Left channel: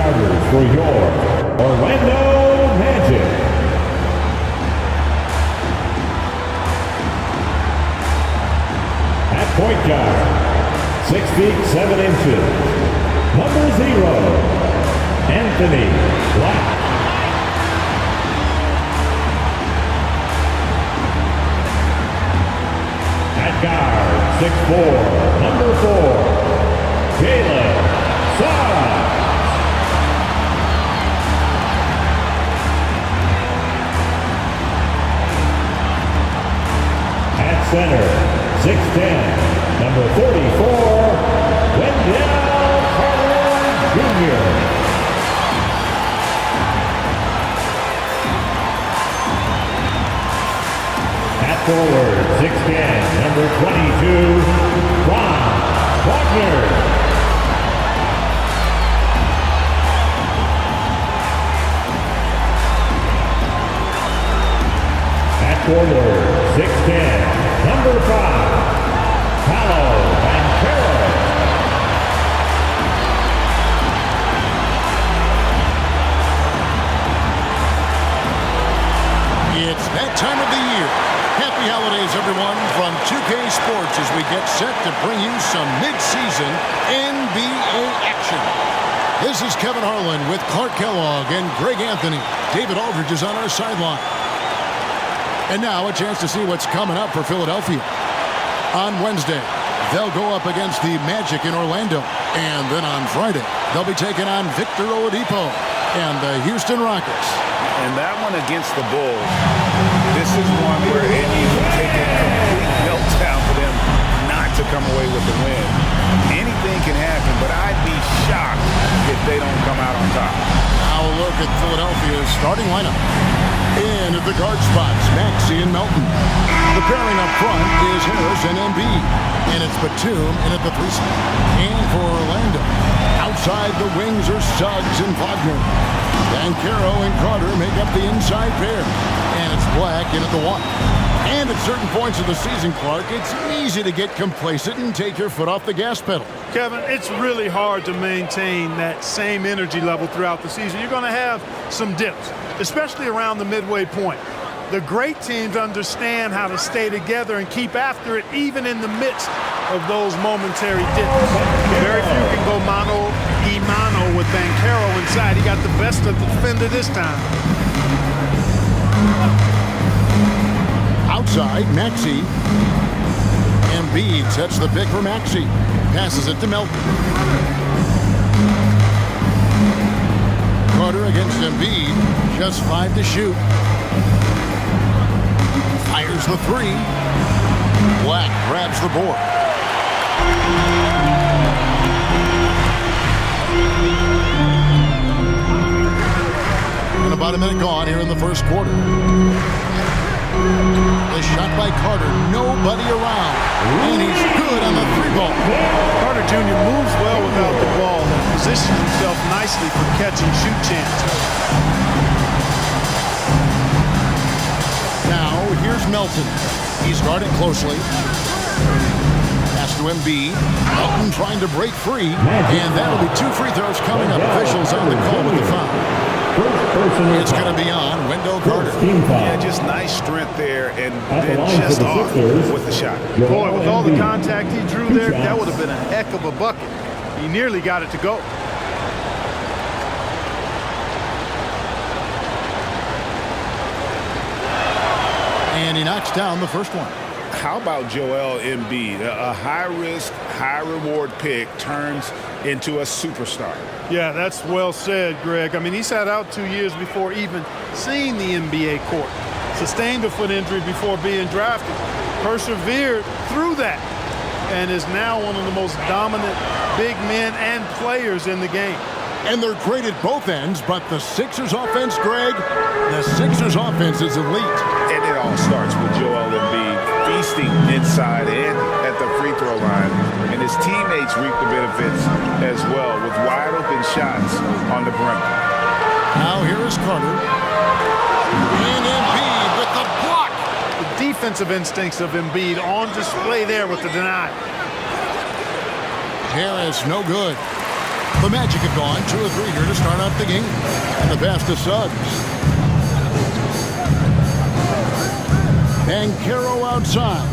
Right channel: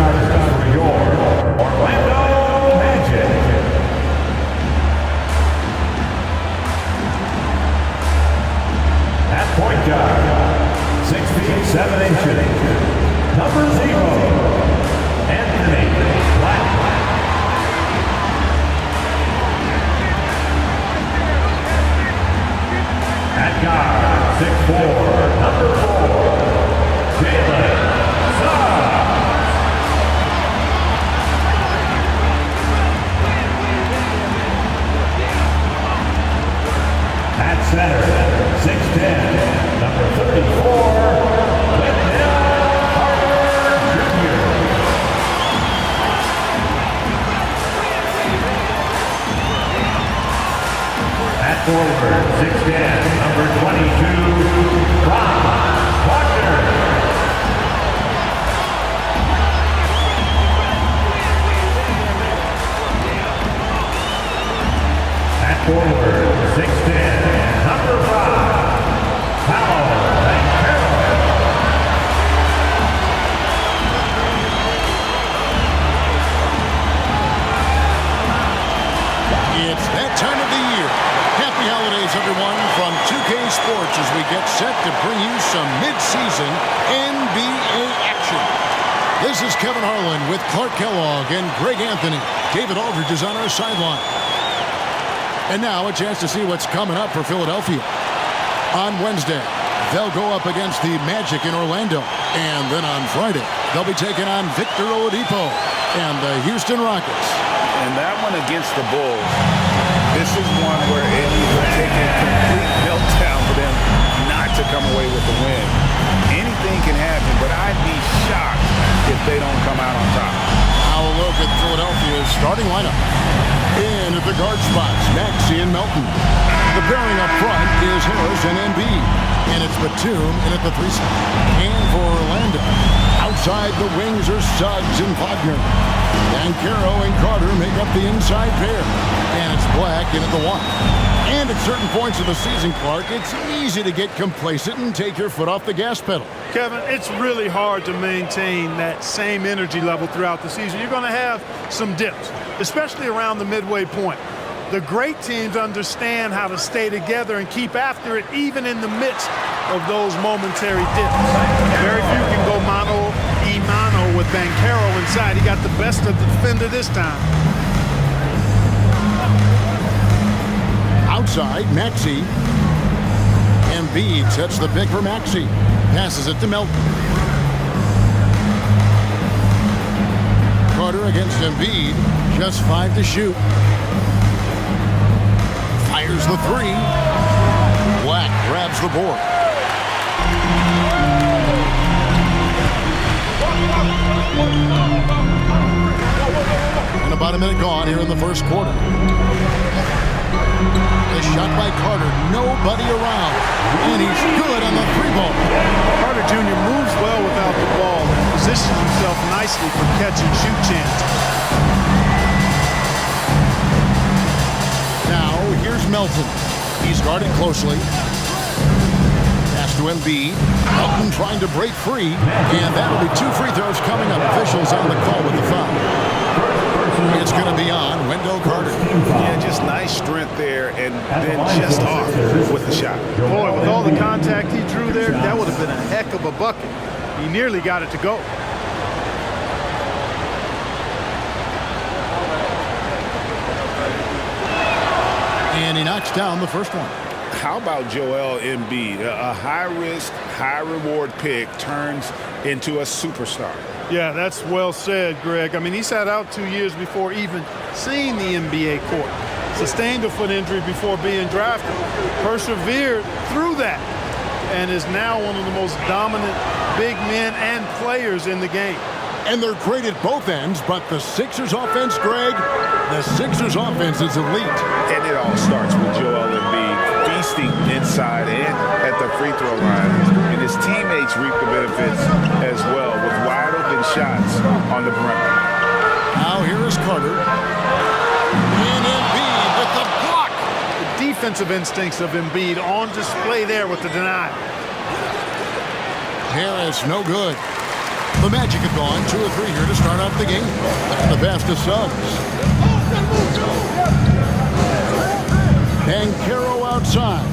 starters for your Orlando Magic. At point guard, 6 feet 7 inches, number 0, Anthony Black. At guard, 6'4", number 4, Jalen Suggs. At center, 6'10", number 34, Wendell Carter Jr. At forward, 6'10", number 22, Franz Wagner. At forward, 6'10", number 5, Paolo Banchero. It's that time of the year. Happy holidays, everyone, from 2K Sports as we get set to bring you some mid-season NBA action. This is Kevin Harlan with Clark Kellogg and Greg Anthony. David Aldridge is on our sideline. And now a chance to see what's coming up for Philadelphia. On Wednesday, they'll go up against the Magic in Orlando. And then on Friday, they'll be taking on Victor Oladipo and the Houston Rockets. And that one against the Bulls, this is one where it would take a complete meltdown for them not to come away with the win. Anything can happen, but I'd be shocked if they don't come out on top. Now a look at Philadelphia's starting lineup. In at the guard spots, Maxey and Melton. The pairing up front is Harris and Embiid. And it's Batum in at the 3 spot. And for Orlando, outside the wings are Suggs and Wagner. Banchero and Carter make up the inside pair. And it's Black in at the 1. And at certain points of the season, Clark, it's easy to get complacent and take your foot off the gas pedal. Kevin, it's really hard to maintain that same energy level throughout the season. You're going to have some dips, especially around the midway point. The great teams understand how to stay together and keep after it even in the midst of those momentary dips. Very few can go mano-a-mano with Banchero inside. He got the best of the defender this time. Outside, Maxey. Embiid sets the pick for Maxey. Passes it to Melton. Carter against Embiid. Just 5 to shoot. Fires the 3. Black grabs the board. And about a minute gone here in the first quarter. The shot by Carter, nobody around. And he's good on the 3-ball. Carter Jr. moves well without the ball and positions himself nicely for catch and shoot chances. Now, here's Melton. He's guarded closely. Pass to Embiid. Melton trying to break free. And that'll be 2 free throws coming up. Officials on the call with the foul. It's going to be on Wendell Carter. Yeah, just nice strength there and then just off with the shot. Boy, with all the contact he drew there, that would have been a heck of a bucket. He nearly got it to go. And he knocks down the first one. How about Joel Embiid? A high-risk, high-reward pick turns into a superstar. Yeah, that's well said, Greg. I mean, he sat out 2 years before even seeing the NBA court. Sustained a foot injury before being drafted. Persevered through that and is now one of the most dominant big men and players in the game. And they're great at both ends, but the Sixers offense, Greg, the Sixers offense is elite. And it all starts with Joel Embiid feasting inside and at the free throw line. And his teammates reap the benefits as well with wide open shots on the perimeter. Now here is Carter. And Embiid with the block. The defensive instincts of Embiid on display there with the denial. Harris, no good. The Magic have gone 2 of 3 here to start out the game. And the pass to Suggs. Banchero outside.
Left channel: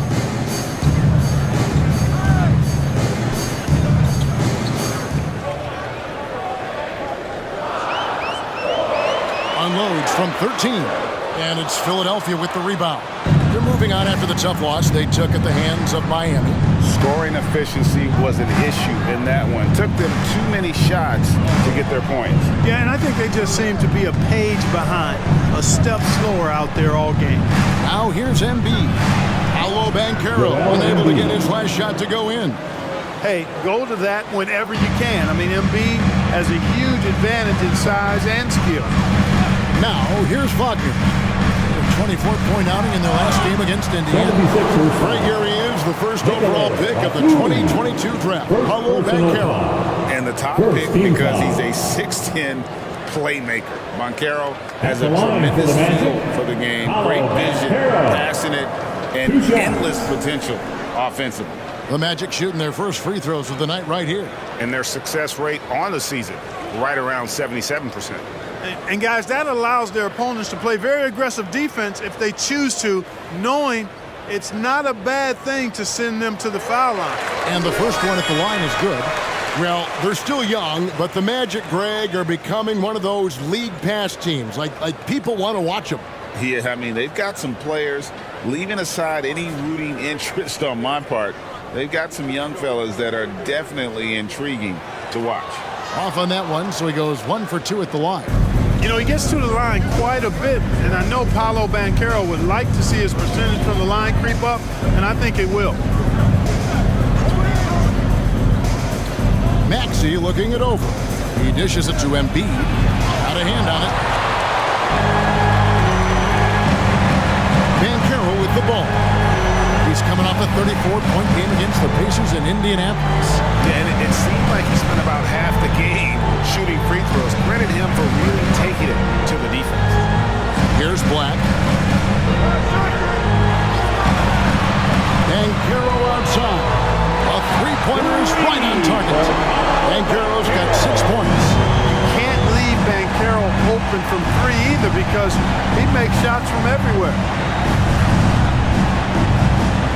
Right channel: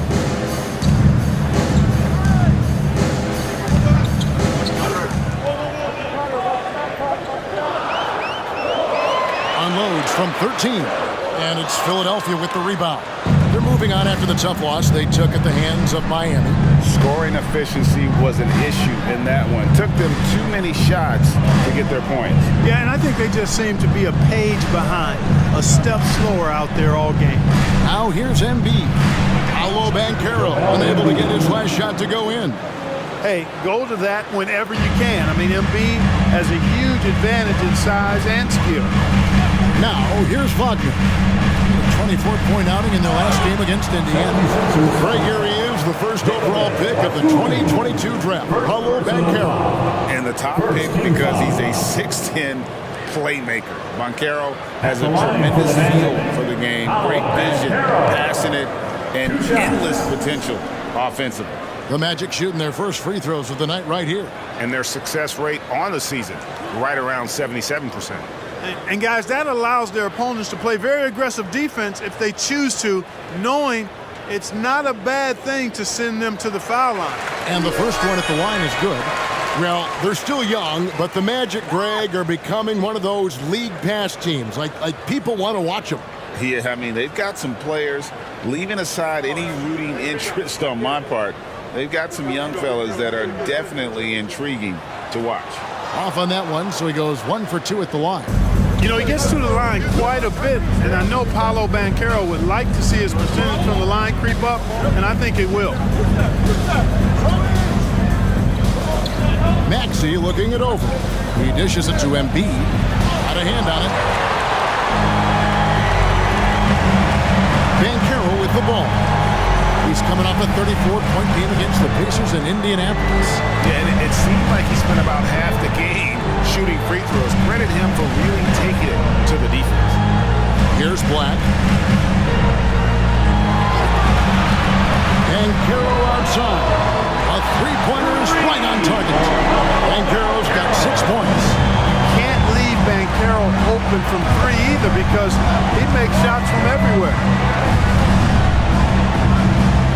Unloads from 13. And it's Philadelphia with the rebound. They're moving on after the tough loss they took at the hands of Miami. Scoring efficiency was an issue in that one. Took them too many shots to get their points. Yeah, and I think they just seem to be a page behind, a step slower out there all game. Now here's Embiid. Paolo Banchero unable to get his last shot to go in. Hey, go to that whenever you can. I mean, Embiid has a huge advantage in size and skill. Now here's Wagner. 24-point outing in their last game against Indiana. Greg, here he is, the first overall pick of the 2022 draft, Paolo Banchero. And the top pick because he's a 6'10" playmaker. Banchero has a tremendous feel for the game, great vision, passionate, and endless potential offensively. The Magic shooting their first free throws of the night right here. And their success rate on the season, right around 77%. And guys, that allows their opponents to play very aggressive defense if they choose to, knowing it's not a bad thing to send them to the foul line. And the first one at the line is good. Well, they're still young, but the Magic, Greg, are becoming one of those league pass teams. Like people want to watch them. Yeah, I mean, they've got some players, leaving aside any rooting interest on my part, they've got some young fellas that are definitely intriguing to watch. Off on that one, so he goes 1 for 2 at the line. You know, he gets to the line quite a bit, and I know Paolo Banchero would like to see his percentage from the line creep up, and I think it will. Maxey looking it over. He dishes it to Embiid. Got a hand on it. Banchero with the ball. He's coming off a 34-point game against the Pacers in Indianapolis. Yeah, and it seemed like he spent about half the game shooting free throws. Credit him for really taking it to the defense. Here's Black. Banchero outside. A three-pointer is right on target. Banchero's got 6 points. Can't leave Banchero open from 3 either because he makes shots from everywhere.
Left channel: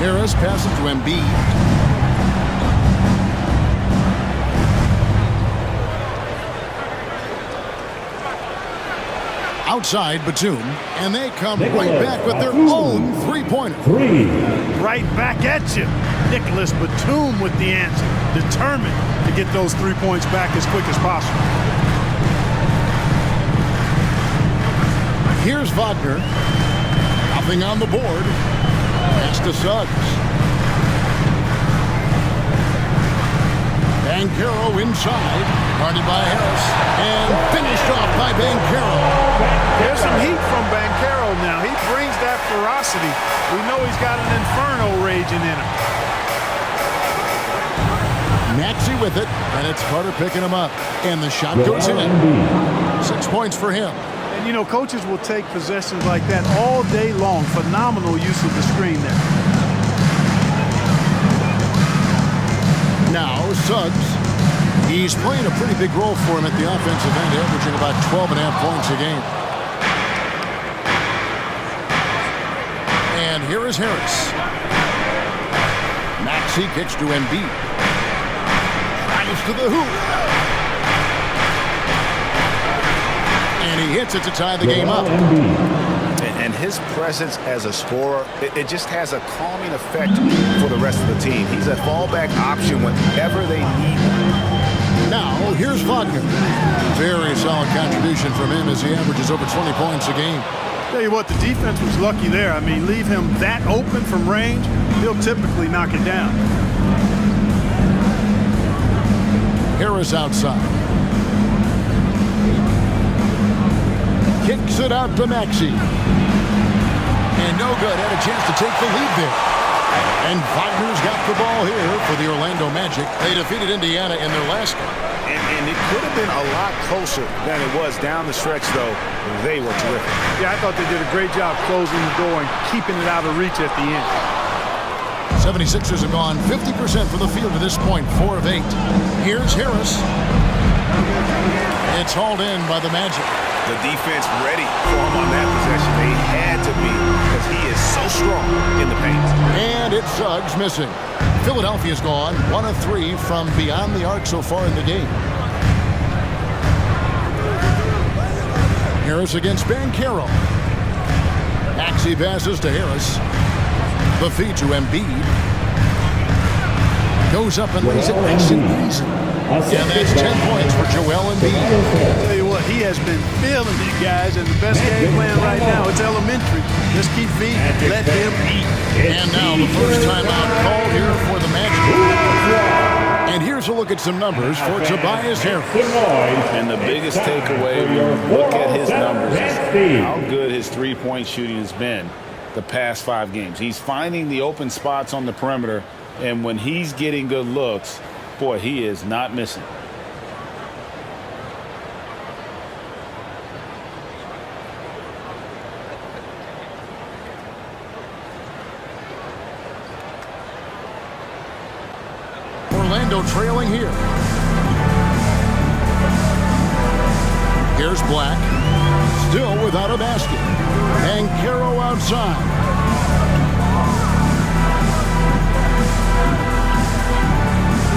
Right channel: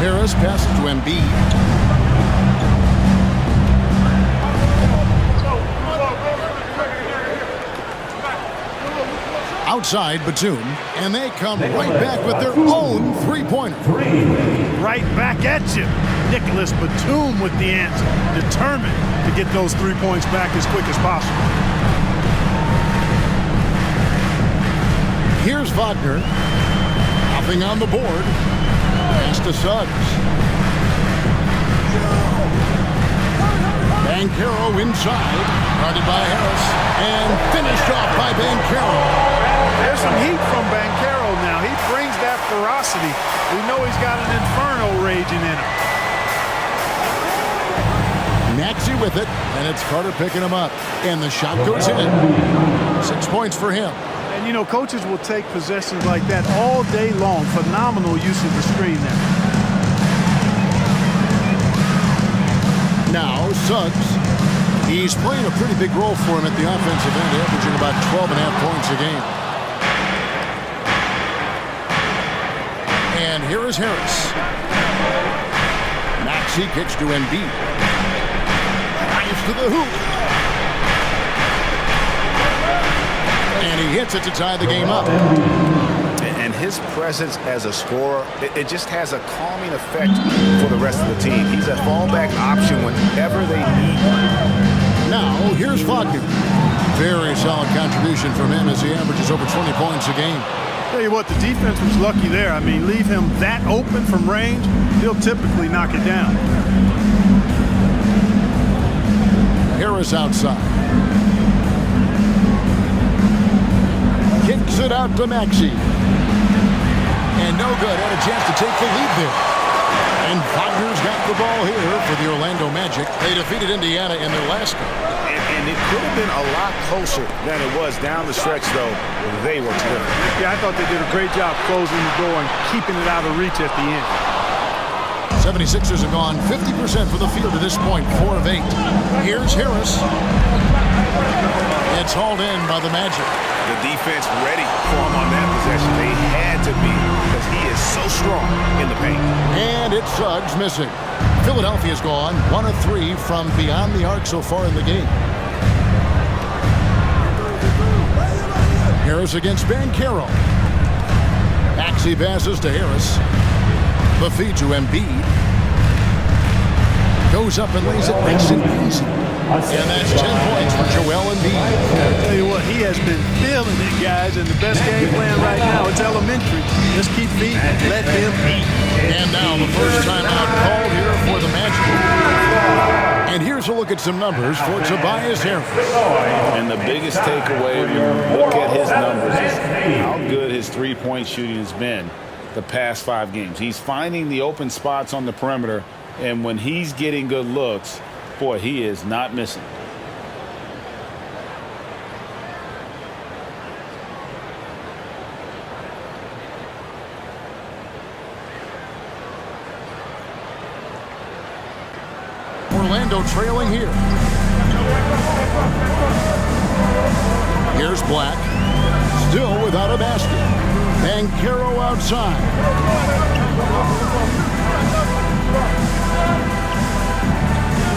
Harris passes to Embiid. Outside Batum, and they come right back with their own three-pointer. Right back at you. Nicholas Batum with the answer, determined to get those 3 points back as quick as possible. Here's Wagner. Nothing on the board. Pass to Suggs. Banchero inside. Guarded by Harris. And finished off by Banchero. There's some heat from Banchero now. He brings that ferocity. We know he's got an inferno raging in him. Maxey with it, and it's Carter picking him up. And the shot goes in. 6 points for him. And, you know, coaches will take possessions like that all day long. Phenomenal use of the screen there. Now, Suggs. He's playing a pretty big role for him at the offensive end, averaging about 12.5 points a game. And here is Harris. Maxey kicks to Embiid. Drives to the hoop. And he hits it to tie the game up. And his presence as a scorer, it just has a calming effect for the rest of the team. He's a fallback option whenever they need one. Now, here's Wagner. Very solid contribution from him as he averages over 20 points a game. Tell you what, the defense was lucky there. I mean, leave him that open from range, he'll typically knock it down. Harris outside. Kicks it out to Maxey. And no good. Had a chance to take the lead there. And Wagner's got the ball here for the Orlando Magic. They defeated Indiana in their last game. And it could have been a lot closer than it was down the stretch, though. They were terrific. Yeah, I thought they did a great job closing the door and keeping it out of reach at the end. 76ers have gone 50% from the field to this point, 4 of 8. Here's Harris. It's hauled in by the Magic. The defense ready for him on that possession. They had to be because he is so strong in the paint. And it's Suggs missing. Philadelphia's gone 1 of 3 from beyond the arc so far in the game. Harris against Banchero. Maxey passes to Harris. The feed to Embiid. Goes up and lays it nice and easy. And that's 10 points for Joel Embiid. Tell you what, he has been feeling it, guys, and the best game plan right now, it's elementary. Just keep feeding. Let them eat. And now the first timeout called here for the Magic. And here's a look at some numbers for Tobias Harris. And the biggest takeaway when you look at his numbers is how good his three-point shooting has been the past 5 games. He's finding the open spots on the perimeter, and when he's getting good looks, boy, he is not missing. Orlando trailing here. Here's Black. Still without a basket. Banchero outside.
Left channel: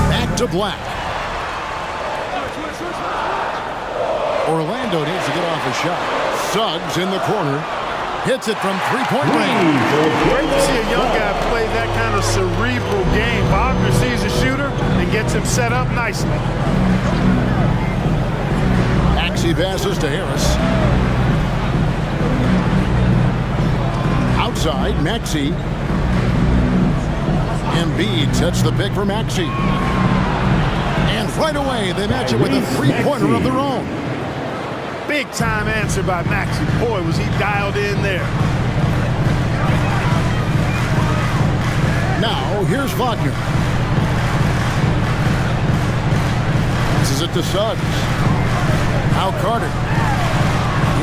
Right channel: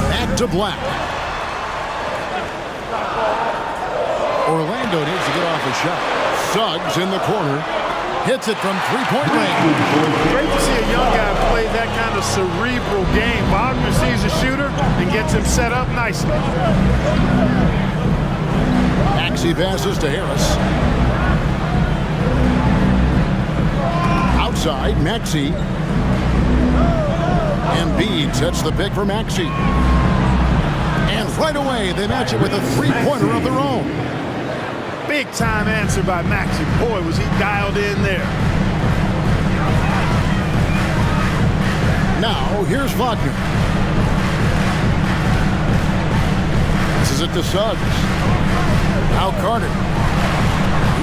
Back to Black. Orlando needs to get off a shot. Suggs in the corner. Hits it from three-point range. Great to see a young guy play that kind of cerebral game. Wagner sees a shooter and gets him set up nicely. Maxey passes to Harris. Outside, Maxey. Embiid sets the pick for Maxey. And right away, they match it with a three-pointer of their own. Big time answer by Maxey. Boy, was he dialed in there. Now, here's Wagner. Passes it to Suggs. Now Carter.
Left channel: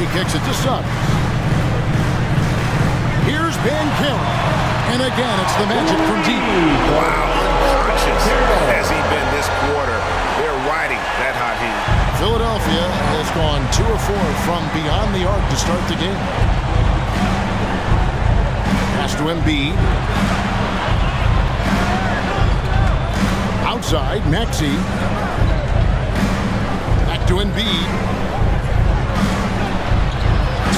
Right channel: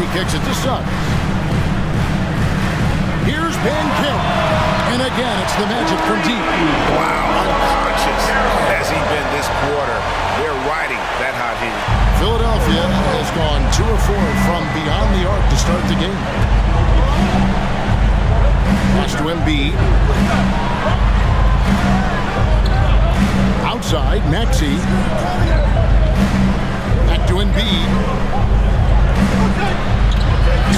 He kicks it to Suggs. Here's Banchero. And again, it's the Magic from deep. Wow, unconscious has he been this quarter. They're riding that hot hand. Philadelphia has gone 2 of 4 from beyond the arc to start the game. Pass to Embiid. Outside, Maxey. Back to Embiid.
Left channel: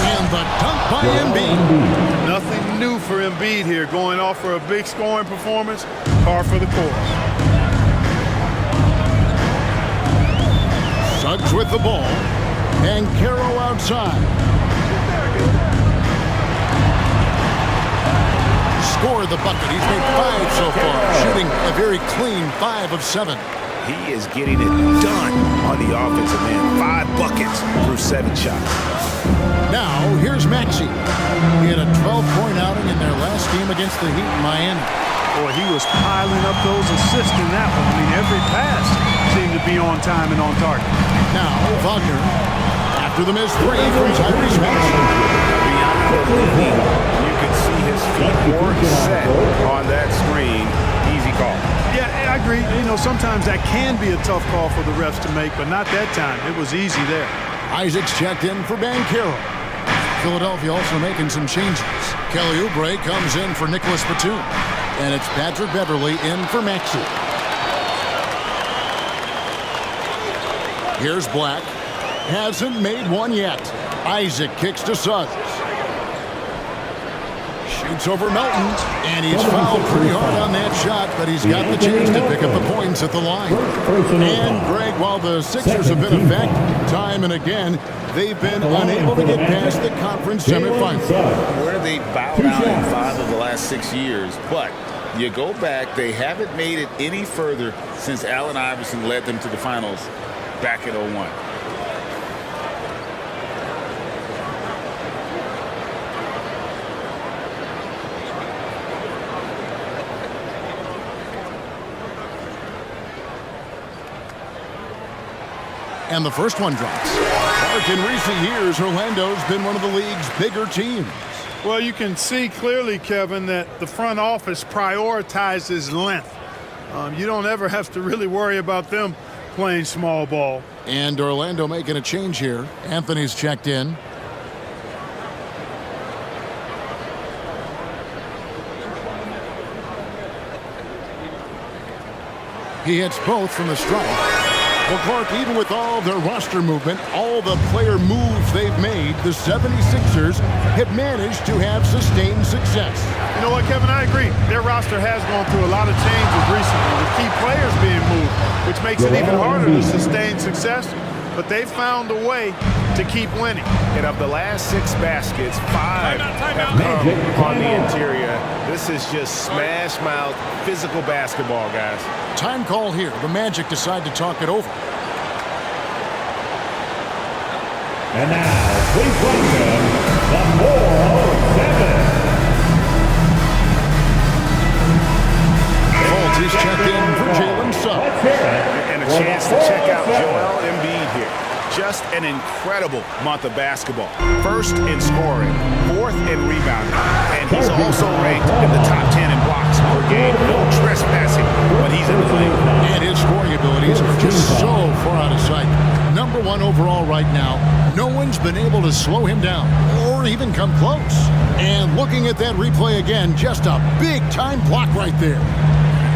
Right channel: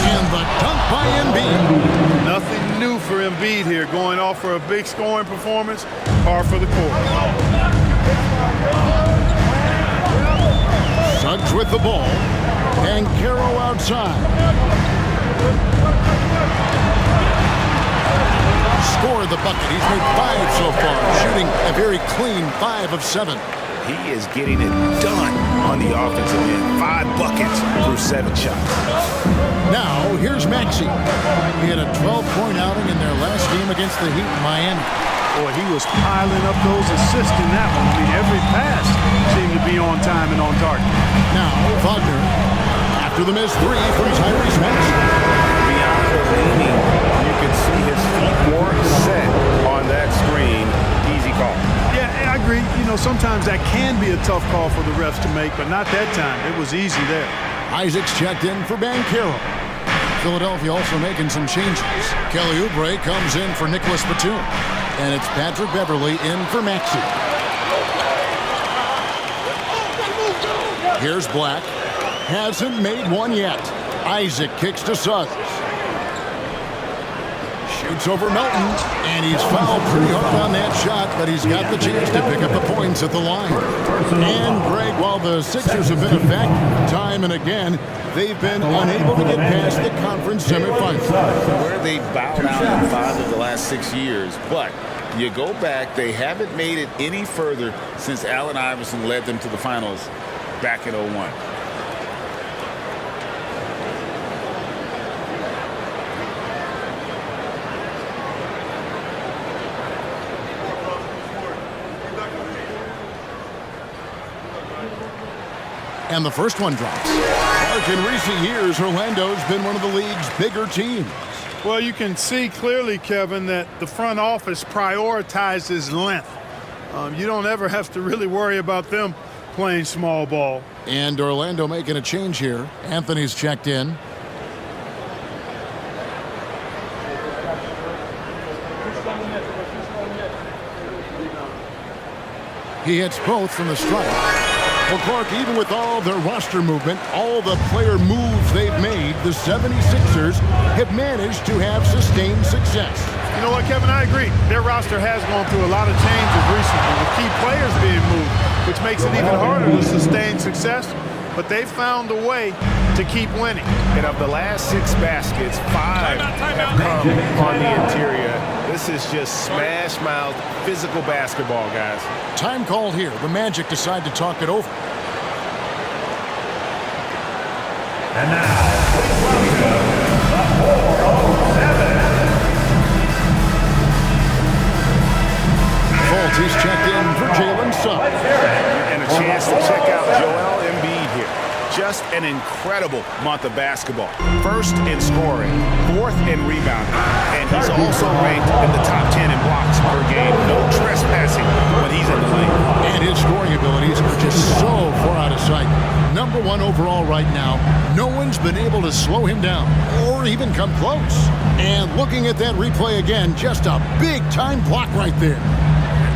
And the dunk by Embiid. Nothing new for Embiid here. Going off for a big scoring performance. Par for the course. Suggs with the ball. Banchero outside. Scored the bucket. He's made 5 so far, shooting a very clean 5 of 7. He is getting it done on the offensive end. 5 buckets through 7 shots. Now, here's Maxey. He had a 12-point outing in their last game against the Heat in Miami. Boy, he was piling up those assists in that one. I mean, every pass seemed to be on time and on target. Now, Wagner, after the missed 3 from Tyrese Maxey. Beyond the leaning, you could see his feet more set on that screen. Easy call. Yeah, I agree. You know, sometimes that can be a tough call for the refs to make, but not that time. It was easy there. Isaac's checked in for Banchero. Philadelphia also making some changes. Kelly Oubre comes in for Nicholas Batum. And it's Patrick Beverley in for Maxey. Here's Black. Hasn't made one yet. Isaac kicks to Suggs. Shoots over Melton. And he's fouled pretty hard on that shot, but he's got the chance to pick up the points at the line. And Greg, while the Sixers have been a fact time and again, they've been unable to get past the conference semifinals. Where they bowed out in 5 of the last 6 years, but you go back, they haven't made it any further since Allen Iverson led them to the finals back in 01. And the first one drops. Mark, in recent years, Orlando's been one of the league's bigger teams. Well, you can see clearly, Kevin, that the front office prioritizes length. You don't ever have to really worry about them playing small ball. And Orlando making a change here. Anthony's checked in. He hits both from the strike. Well, Clark, even with all their roster movement, all the player moves they've made, the 76ers have managed to have sustained success. You know what, Kevin? I agree. Their roster has gone through a lot of changes recently with key players being moved, which makes it even harder to sustain success. But they've found a way to keep winning. And of the last 6 baskets, 5 have come on the interior. This is just smash-mouth, physical basketball, guys. Time called here. The Magic decide to talk it over. And now, please welcome the 407. Fultz, he's checked in for Jalen Suggs. And a chance to check out Joel Embiid here. Just an incredible month of basketball. First in scoring, 4th in rebounding, and he's also ranked in the top 10 in blocks per game. No trespassing when he's in the lane. And his scoring abilities are just so far out of sight. Number 1 overall right now. No one's been able to slow him down or even come close. And looking at that replay again, just a big-time block right there.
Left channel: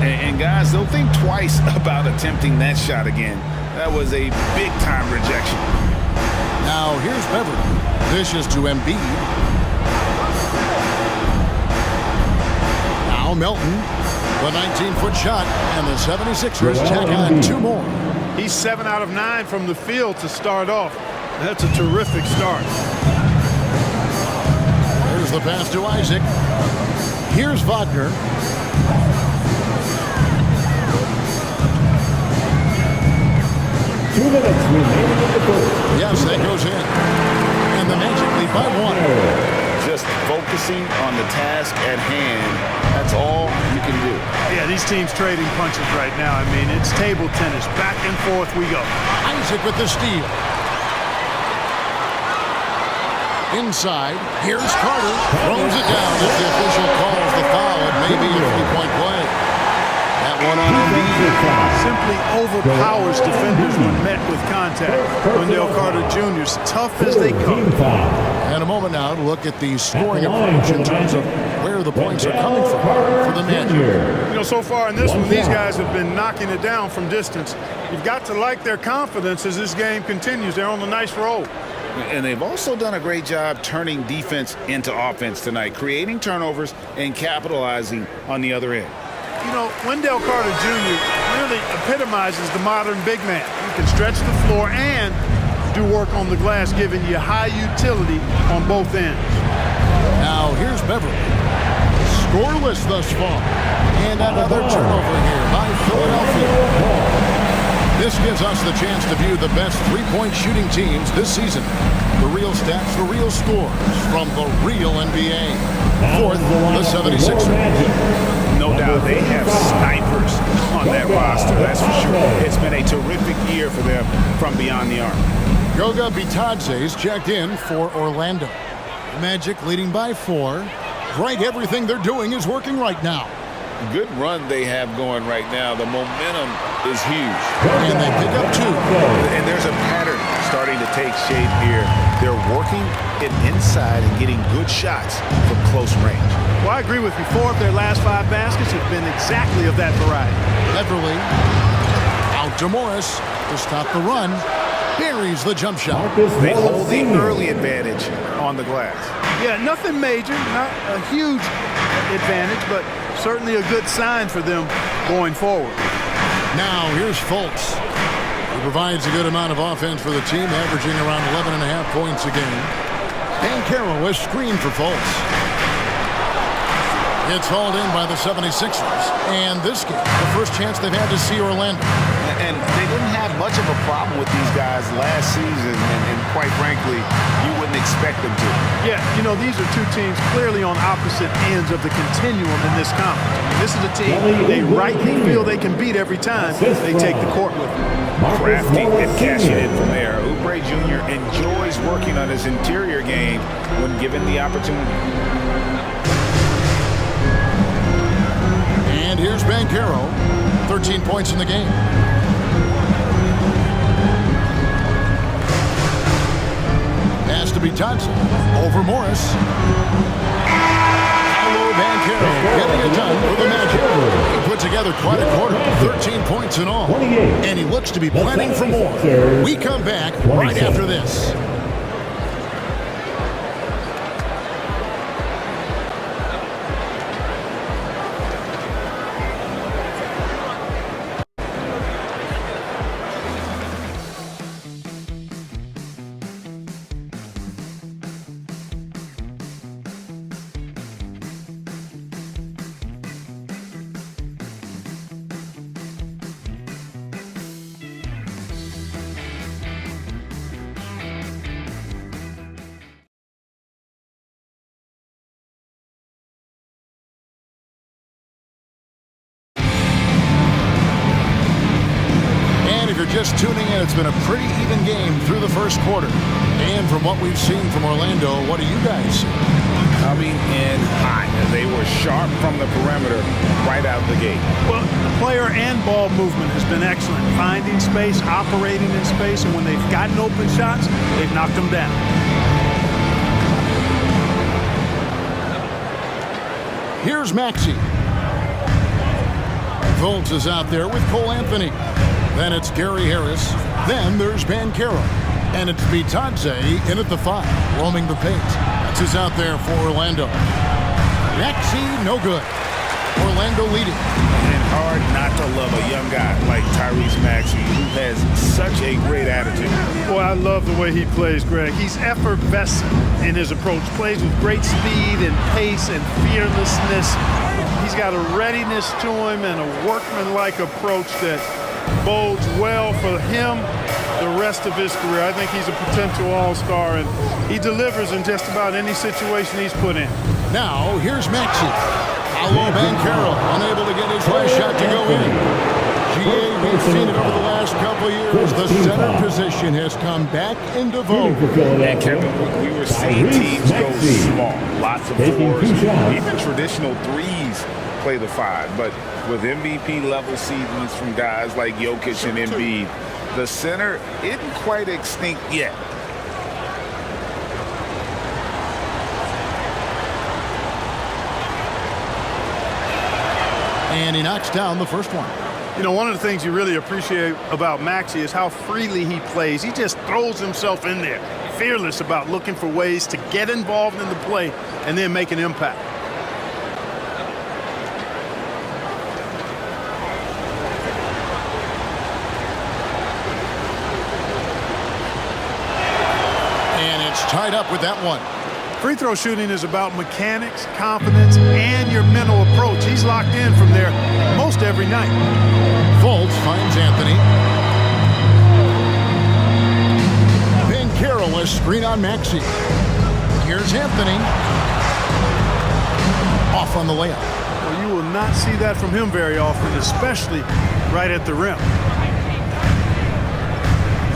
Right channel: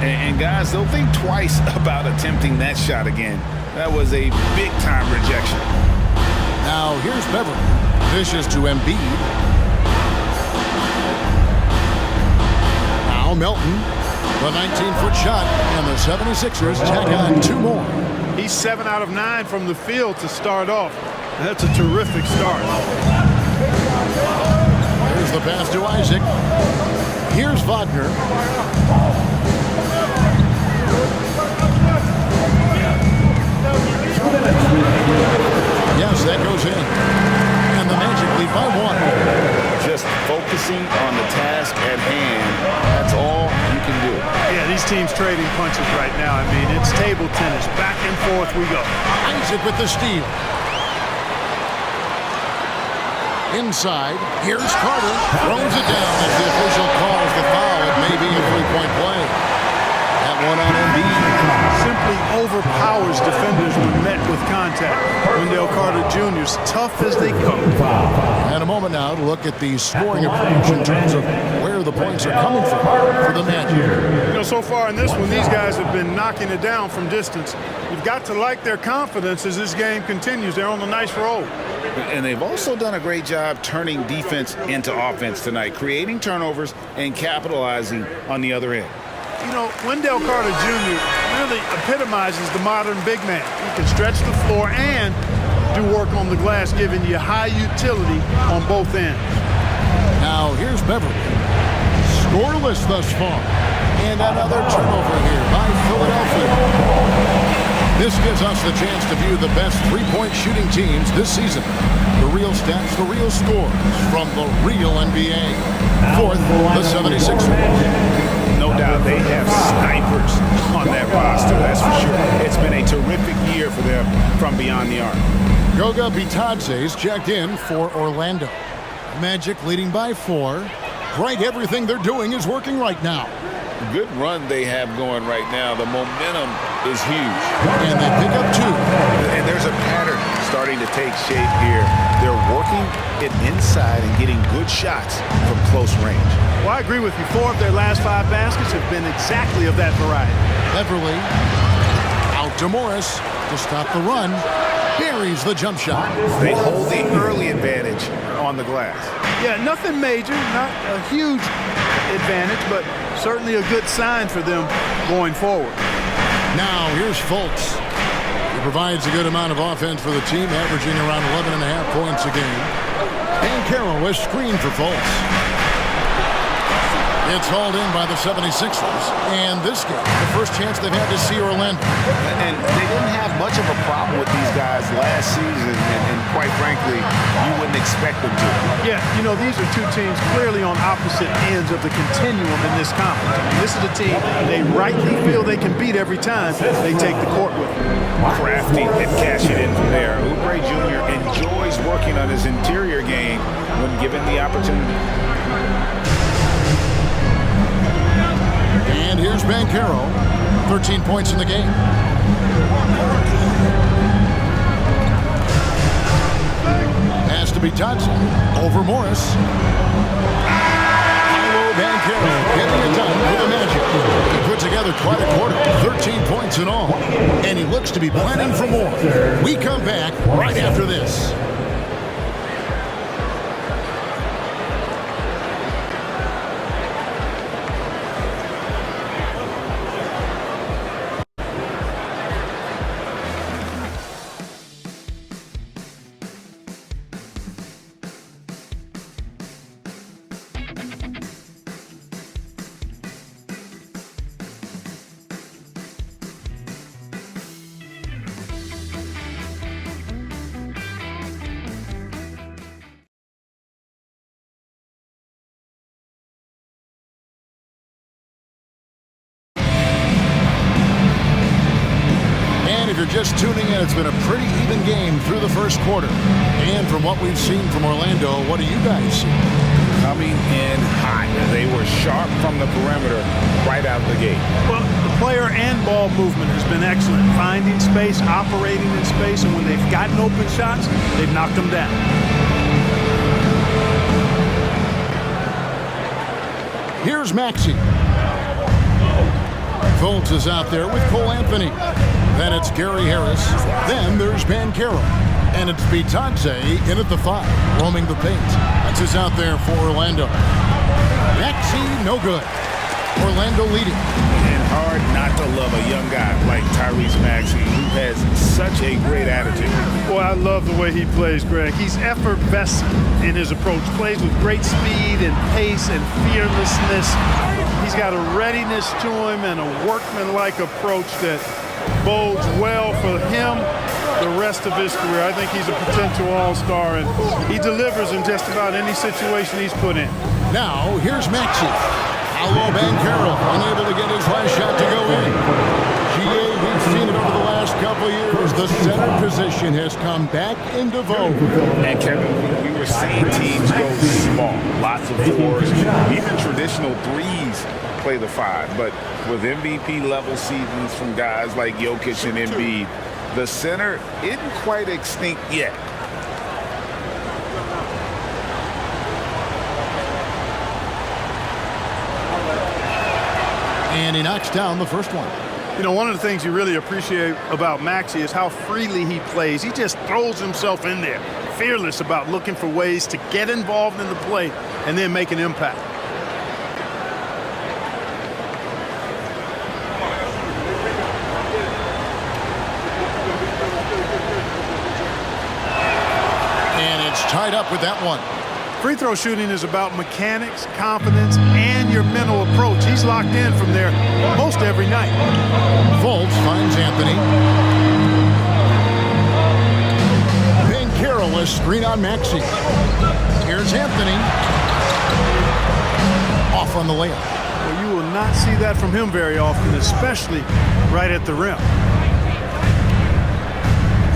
And guys, they'll think twice about attempting that shot again. That was a big-time rejection. Now, here's Beverly. Dishes to Embiid. Now Melton. The 19-foot shot, and the 76ers tack on 2 more. He's 7 out of 9 from the field to start off. That's a terrific start. There's the pass to Isaac. Here's Wagner. Yes, that goes in. And the Magic lead by 1. Just focusing on the task at hand. That's all you can do. Yeah, these teams trading punches right now. I mean, it's table tennis. Back and forth we go. Isaac with the steal. Inside, here's Carter. Throws it down as the official calls the foul. It may be a 3-point play. That one on Embiid. Simply overpowers defenders when met with contact. Wendell Carter Jr. is tough as they come. And a moment now to look at the scoring approach in terms of where the points are coming from for the Magic. You know, so far in this one, these guys have been knocking it down from distance. You've got to like their confidence as this game continues. They're on a nice roll. And they've also done a great job turning defense into offense tonight, creating turnovers and capitalizing on the other end. You know, Wendell Carter Jr. really epitomizes the modern big man. He can stretch the floor and do work on the glass, giving you high utility on both ends. Now here's Beverly. Scoreless thus far. And another turnover here by Philadelphia. This gives us the chance to view the best 3-point shooting teams this season. The real stats, the real scores from the real NBA. 4th, the 76ers. No doubt they have snipers on that roster, that's for sure. It's been a terrific year for them from beyond the arc. Goga Bitadze's checked in for Orlando. Magic leading by 4. Right, everything they're doing is working right now. Good run they have going right now. The momentum is huge. And they pick up 2. And there's a pattern starting to take shape here. They're working it inside and getting good shots from close range. Well, I agree with you. 4 of their last 5 baskets have been exactly of that variety. Beverly out to Morris to stop the run. Buries the jump shot. They hold the early advantage on the glass. Yeah, nothing major, not a huge advantage, but certainly a good sign for them going forward. Now here's Fultz. He provides a good amount of offense for the team, averaging around 11.5 points a game. Banchero is screened for Fultz. It's hauled in by the 76ers. And this game, the first chance they've had to see Orlando. And they didn't have much of a problem with these guys last season, and quite frankly, you wouldn't expect them to. Yeah, you know, these are 2 teams clearly on opposite ends of the continuum in this conference. I mean, this is a team they rightly feel they can beat every time they take the court with them. Crafty and cashing in from there. Oubre Jr. enjoys working on his interior game when given the opportunity. And here's Banchero, 13 points in the game. Pass to Bitadze. Over Morris. Paolo Banchero getting it done for the Magic. He put together quite a quarter, 13 points in all. And he looks to be planning for more. We come back right after this. And if you're just tuning in, it's been a pretty even game through the first quarter. And from what we've seen from Orlando, what do you guys see? Coming in hot. They were sharp from the perimeter right out the gate. Well, the player and ball movement has been excellent. Finding space, operating in space, and when they've gotten open shots, they've knocked them down. Here's Maxey. Fultz is out there with Cole Anthony. Then it's Gary Harris. Then there's Banchero. And it's Bitadze in at the 5, roaming the paint. That's who's out there for Orlando. Maxey, no good. Orlando leading. And hard not to love a young guy like Tyrese Maxey, who has such a great attitude. Boy, I love the way he plays, Greg. He's effervescent in his approach. Plays with great speed and pace and fearlessness. He's got a readiness to him and a workmanlike approach that bodes well for him the rest of his career. I think he's a potential all-star, and he delivers in just about any situation he's put in. Now, here's Maxey. Paolo Banchero unable to get his last shot to go in. GA, we've seen it over the last couple years. The center position has come back into vogue. And Kevin, we were seeing teams go small. Lots of 4s, even traditional 3s play the 5. But with MVP-level seasons from guys like Jokic and Embiid, the center isn't quite extinct yet. And he knocks down the first one. You know, one of the things you really appreciate about Maxey is how freely he plays. He just throws himself in there, fearless about looking for ways to get involved in the play and then make an impact. And it's tied up with that one. Free throw shooting is about mechanics, confidence, and your mental approach. He's locked in from there most every night. Fultz finds Anthony. Banchero, a screen on Maxey. Here's Anthony. Off on the layup. Well, you will not see that from him very often, especially right at the rim.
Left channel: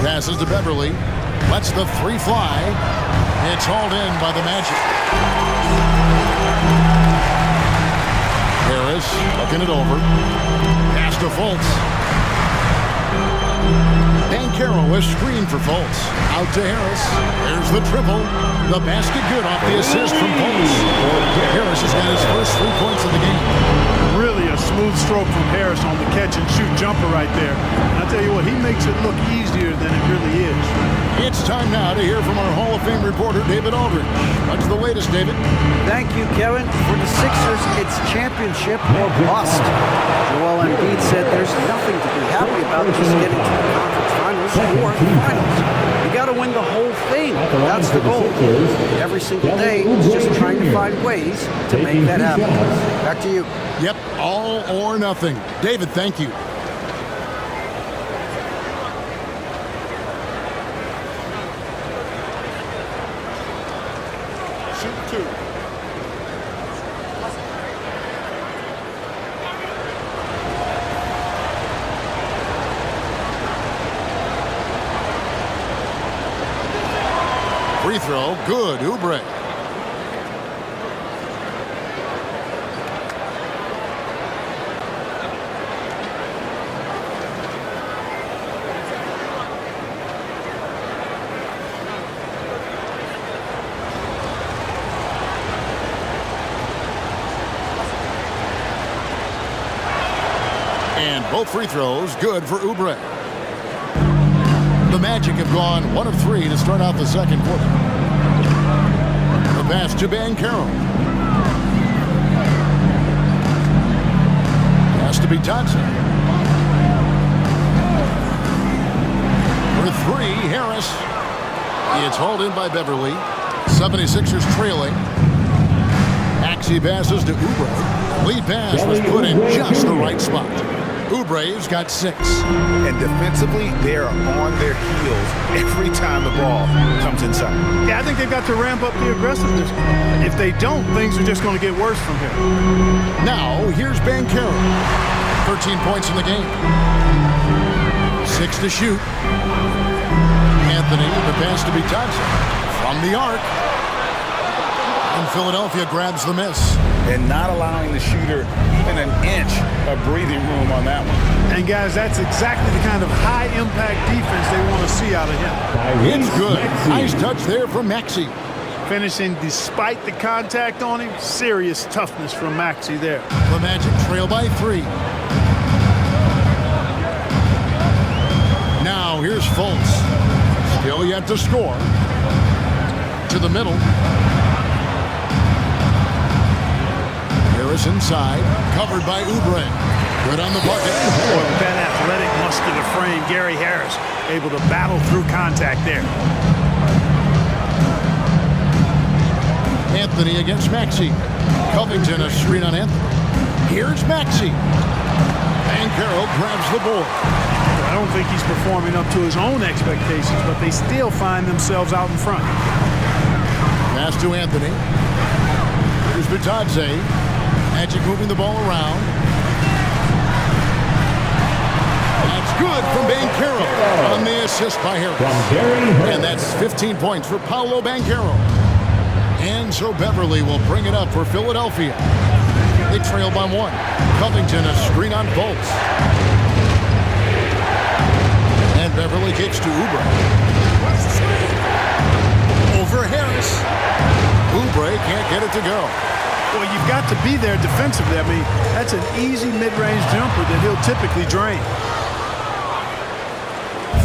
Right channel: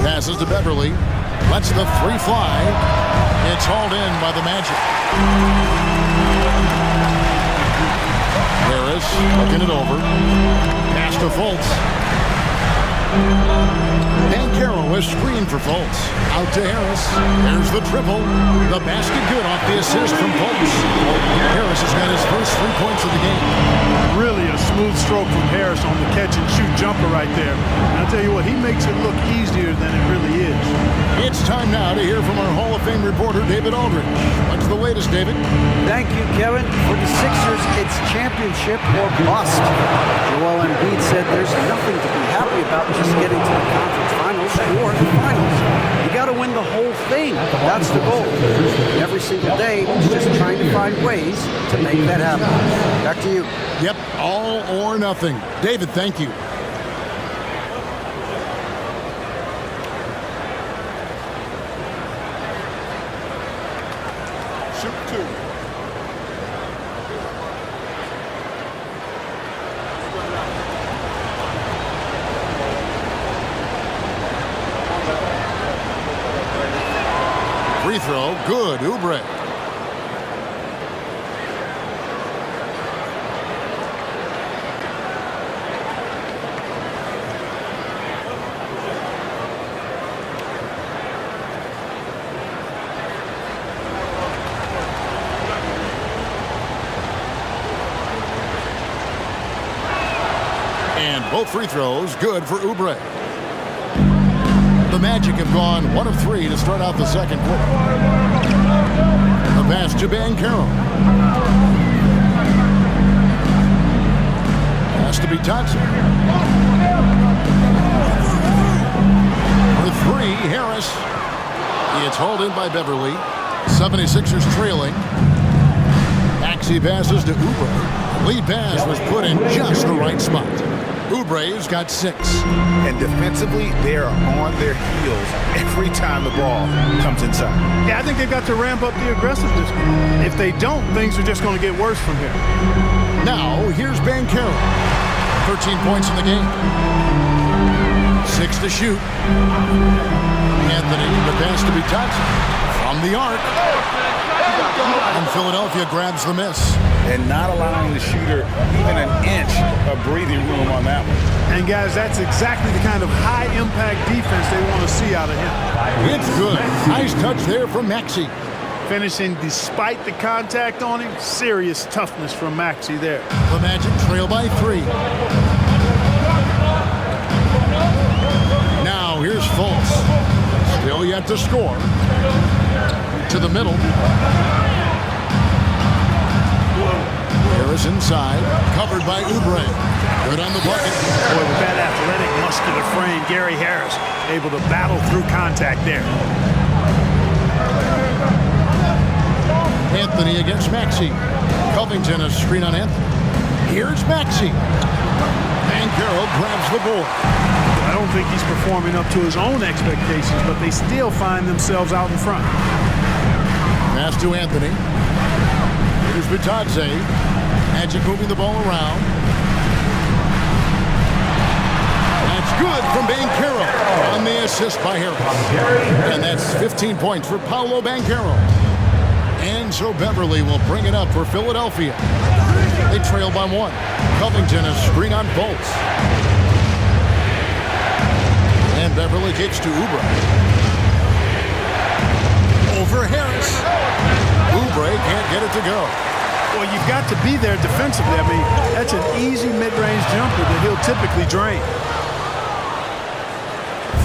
Passes to Beverly. Lets the 3 fly. It's hauled in by the Magic. Harris looking it over. Pass to Fultz. Banchero, a screen for Fultz. Out to Harris. There's the triple. The basket good off the assist from Fultz. Harris has got his first 3 points of the game. Really a smooth stroke from Harris on the catch-and-shoot jumper right there. And I'll tell you what, he makes it look easier than it really is. It's time now to hear from our Hall of Fame reporter, David Aldridge. What's the latest, David? Thank you, Kevin. For the Sixers, it's championship or bust. Joel Embiid said there's nothing to be happy about just getting to the conference finals or the finals. You got to win the whole thing. That's the goal. And every single day, it's just trying to find ways to make that happen. Back to you. Yep, all or nothing. David, thank you. Shoot 2. Free throw, good, Oubre. And both free throws good for Oubre. The Magic have gone 1 of 3 to start out the second quarter. The pass to Banchero. Has to be Dotson. For 3, Harris. It's hauled in by Beverly. 76ers trailing. Maxey passes to Oubre. Lead pass was put in just the right spot. Oubre's got 6. And defensively, they are on their heels every time the ball comes inside. Yeah, I think they've got to ramp up the aggressiveness. If they don't, things are just going to get worse from here. Now, here's Banchero. 13 points in the game. 6 to shoot. Anthony, the pass to be Dotson. From the arc. And Philadelphia grabs the miss. And not allowing the shooter even an inch of breathing room on that one. And, guys, that's exactly the kind of high-impact defense they want to see out of him. It's good. Nice touch there from Maxey. Finishing despite the contact on him. Serious toughness from Maxey there. The Magic trail by 3. Now here's Fultz. Still yet to score. To the middle. Harris inside. Covered by Oubre. Good on the bucket. Boy, with that athletic, muscular frame, Gary Harris able to battle through contact there. Anthony against Maxey. Covington a screen on Anthony. Here's Maxey. Banchero grabs the board. Well, I don't think he's performing up to his own expectations, but they still find themselves out in front. Pass to Anthony. Here's Bitadze. Magic moving the ball around. That's good from Banchero on the assist by Harris. And that's 15 points for Paolo Banchero. And so Beverly will bring it up for Philadelphia. They trail by 1. Covington a screen on Fultz. And Beverly kicks to Oubre. Over Harris. Oubre can't get it to go. Well, you've got to be there defensively. I mean, that's an easy mid-range jumper that he'll typically drain.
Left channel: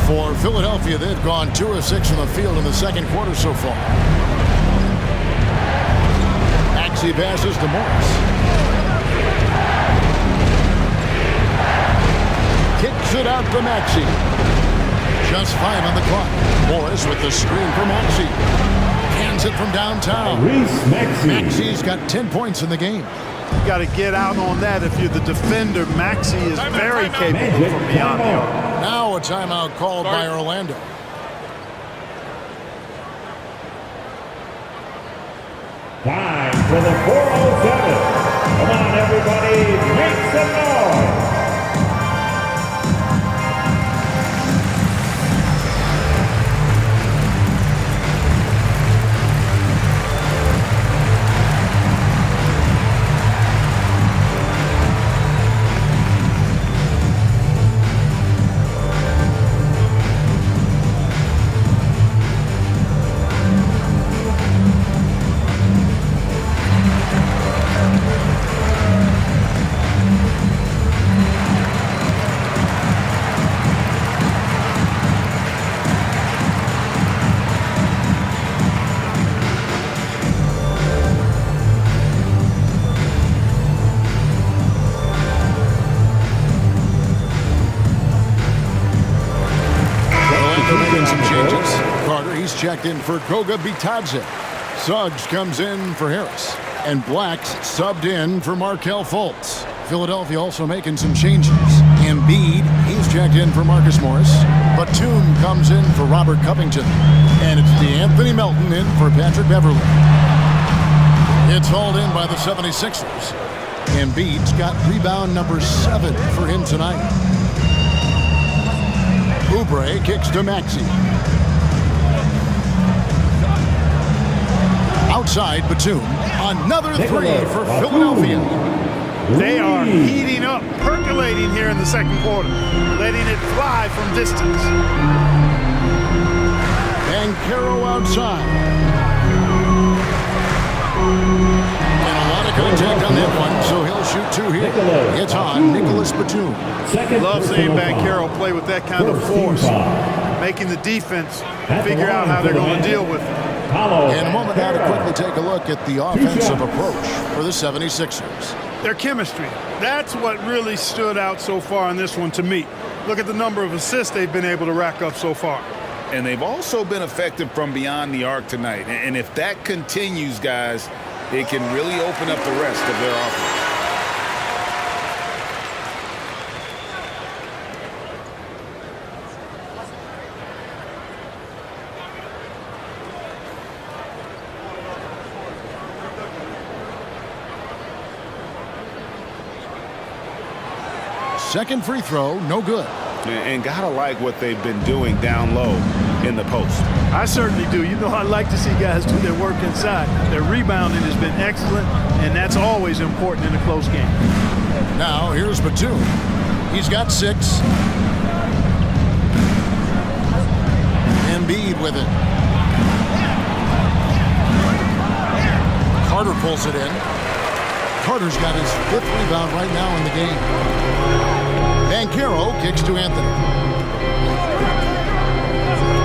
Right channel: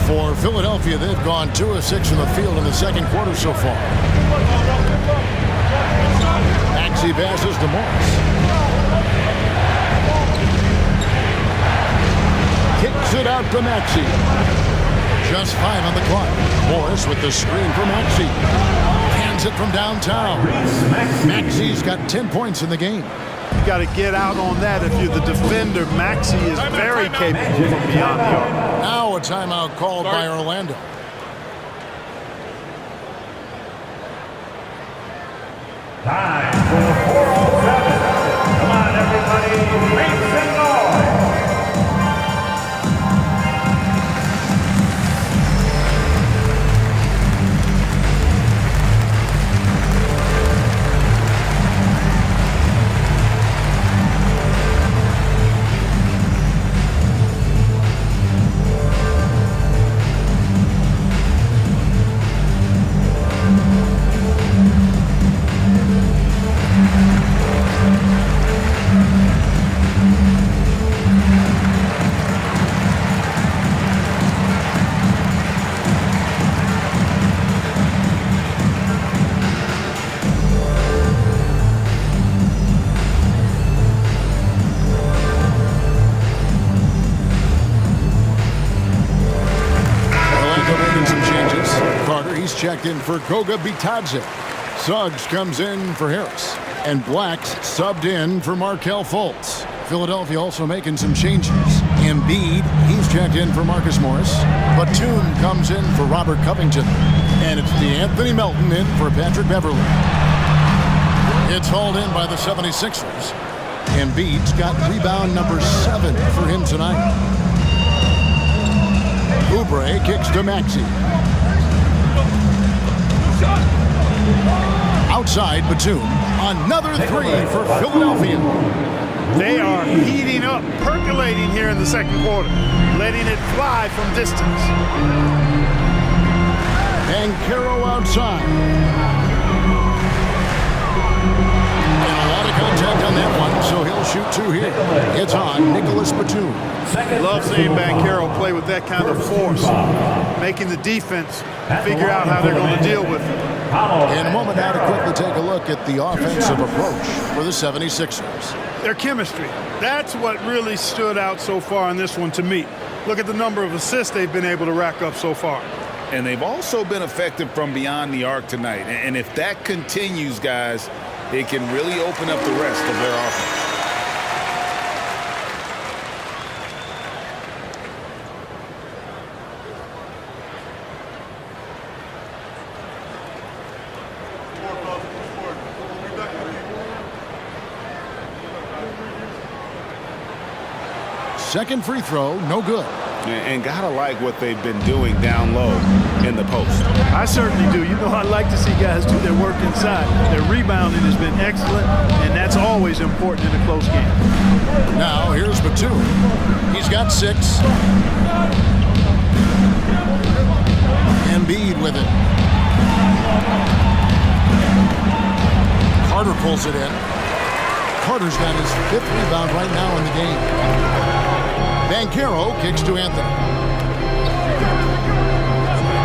For Philadelphia, they've gone 2 of 6 in the field in the second quarter so far. Maxey passes to Morris. Kicks it out to Maxey. Just 5 on the clock. Morris with the screen for Maxey. Hands it from downtown. Maxey's got 10 points in the game. You got to get out on that if you're the defender. Maxey is very capable from beyond the arc. Now a timeout called by Orlando. Time for the 407. Come on, everybody, make some noise. Making some changes. Carter, he's checked in for Goga Bitadze. Suggs comes in for Harris. And Black's subbed in for Markelle Fultz. Philadelphia also making some changes. Embiid, he's checked in for Marcus Morris. Batum comes in for Robert Covington. And it's DeAnthony Melton in for Patrick Beverly. It's hauled in by the 76ers. Embiid's got rebound number 7 for him tonight. Oubre kicks to Maxey. Outside Batum. Another 3 for Philadelphia. They are heating up, percolating here in the second quarter, letting it fly from distance. Banchero outside. And a lot of contact contact on that one, so he'll shoot 2 here. It's on Nicholas Batum. Love seeing Banchero play with that kind of force, making the defense figure out how they're going to deal with it. In a moment now to quickly take a look at the offensive approach for the 76ers. Their chemistry, that's what really stood out so far in this one to me. Look at the number of assists they've been able to rack up so far. And they've also been effective from beyond the arc tonight. And if that continues, guys, it can really open up the rest of their offense. Second free throw, no good. And gotta like what they've been doing down low in the post. I certainly do. You know, I like to see guys do their work inside. Their rebounding has been excellent, and that's always important in a close game. Now, here's Batum. He's got 6. Embiid with it. Carter pulls it in. Carter's got his 5th rebound right now in the game. Banchero kicks to Anthony.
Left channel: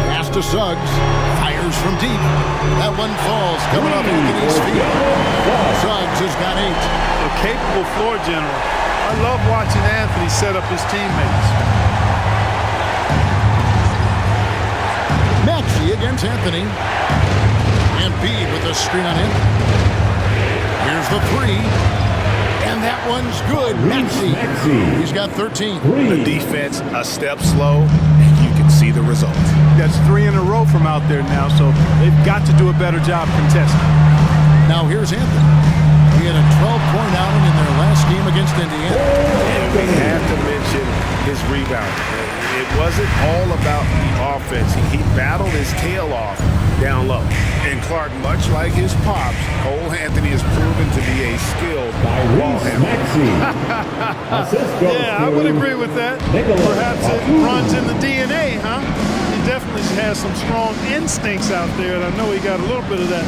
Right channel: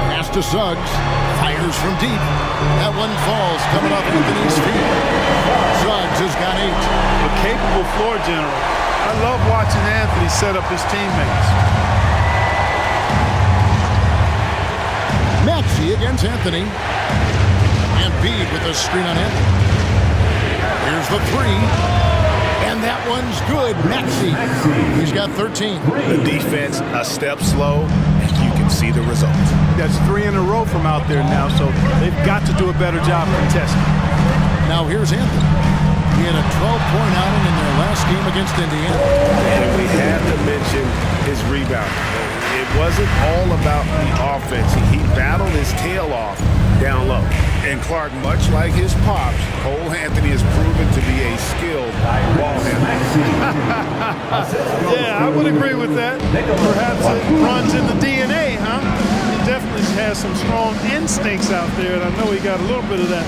Pass to Suggs. Fires from deep. That one falls coming off Anthony's feet. Suggs has got 8. A capable floor general. I love watching Anthony set up his teammates. Maxey against Anthony. Embiid with a screen on Anthony. Here's the 3. And that one's good. Maxey. He's got 13. The defense a step slow, and you can see the result. That's 3 in a row from out there now, so they've got to do a better job contesting. Now here's Anthony. He had a 12-point outing in their last game against Indiana. And we have to mention his rebound. It wasn't all about the offense. He battled his tail off down low. And Clark, much like his pops, Cole Anthony has proven to be a skilled ball handler. Yeah, I would agree with that. Perhaps it runs in the DNA, huh? He definitely has some strong instincts out there, and I know he got a little bit of that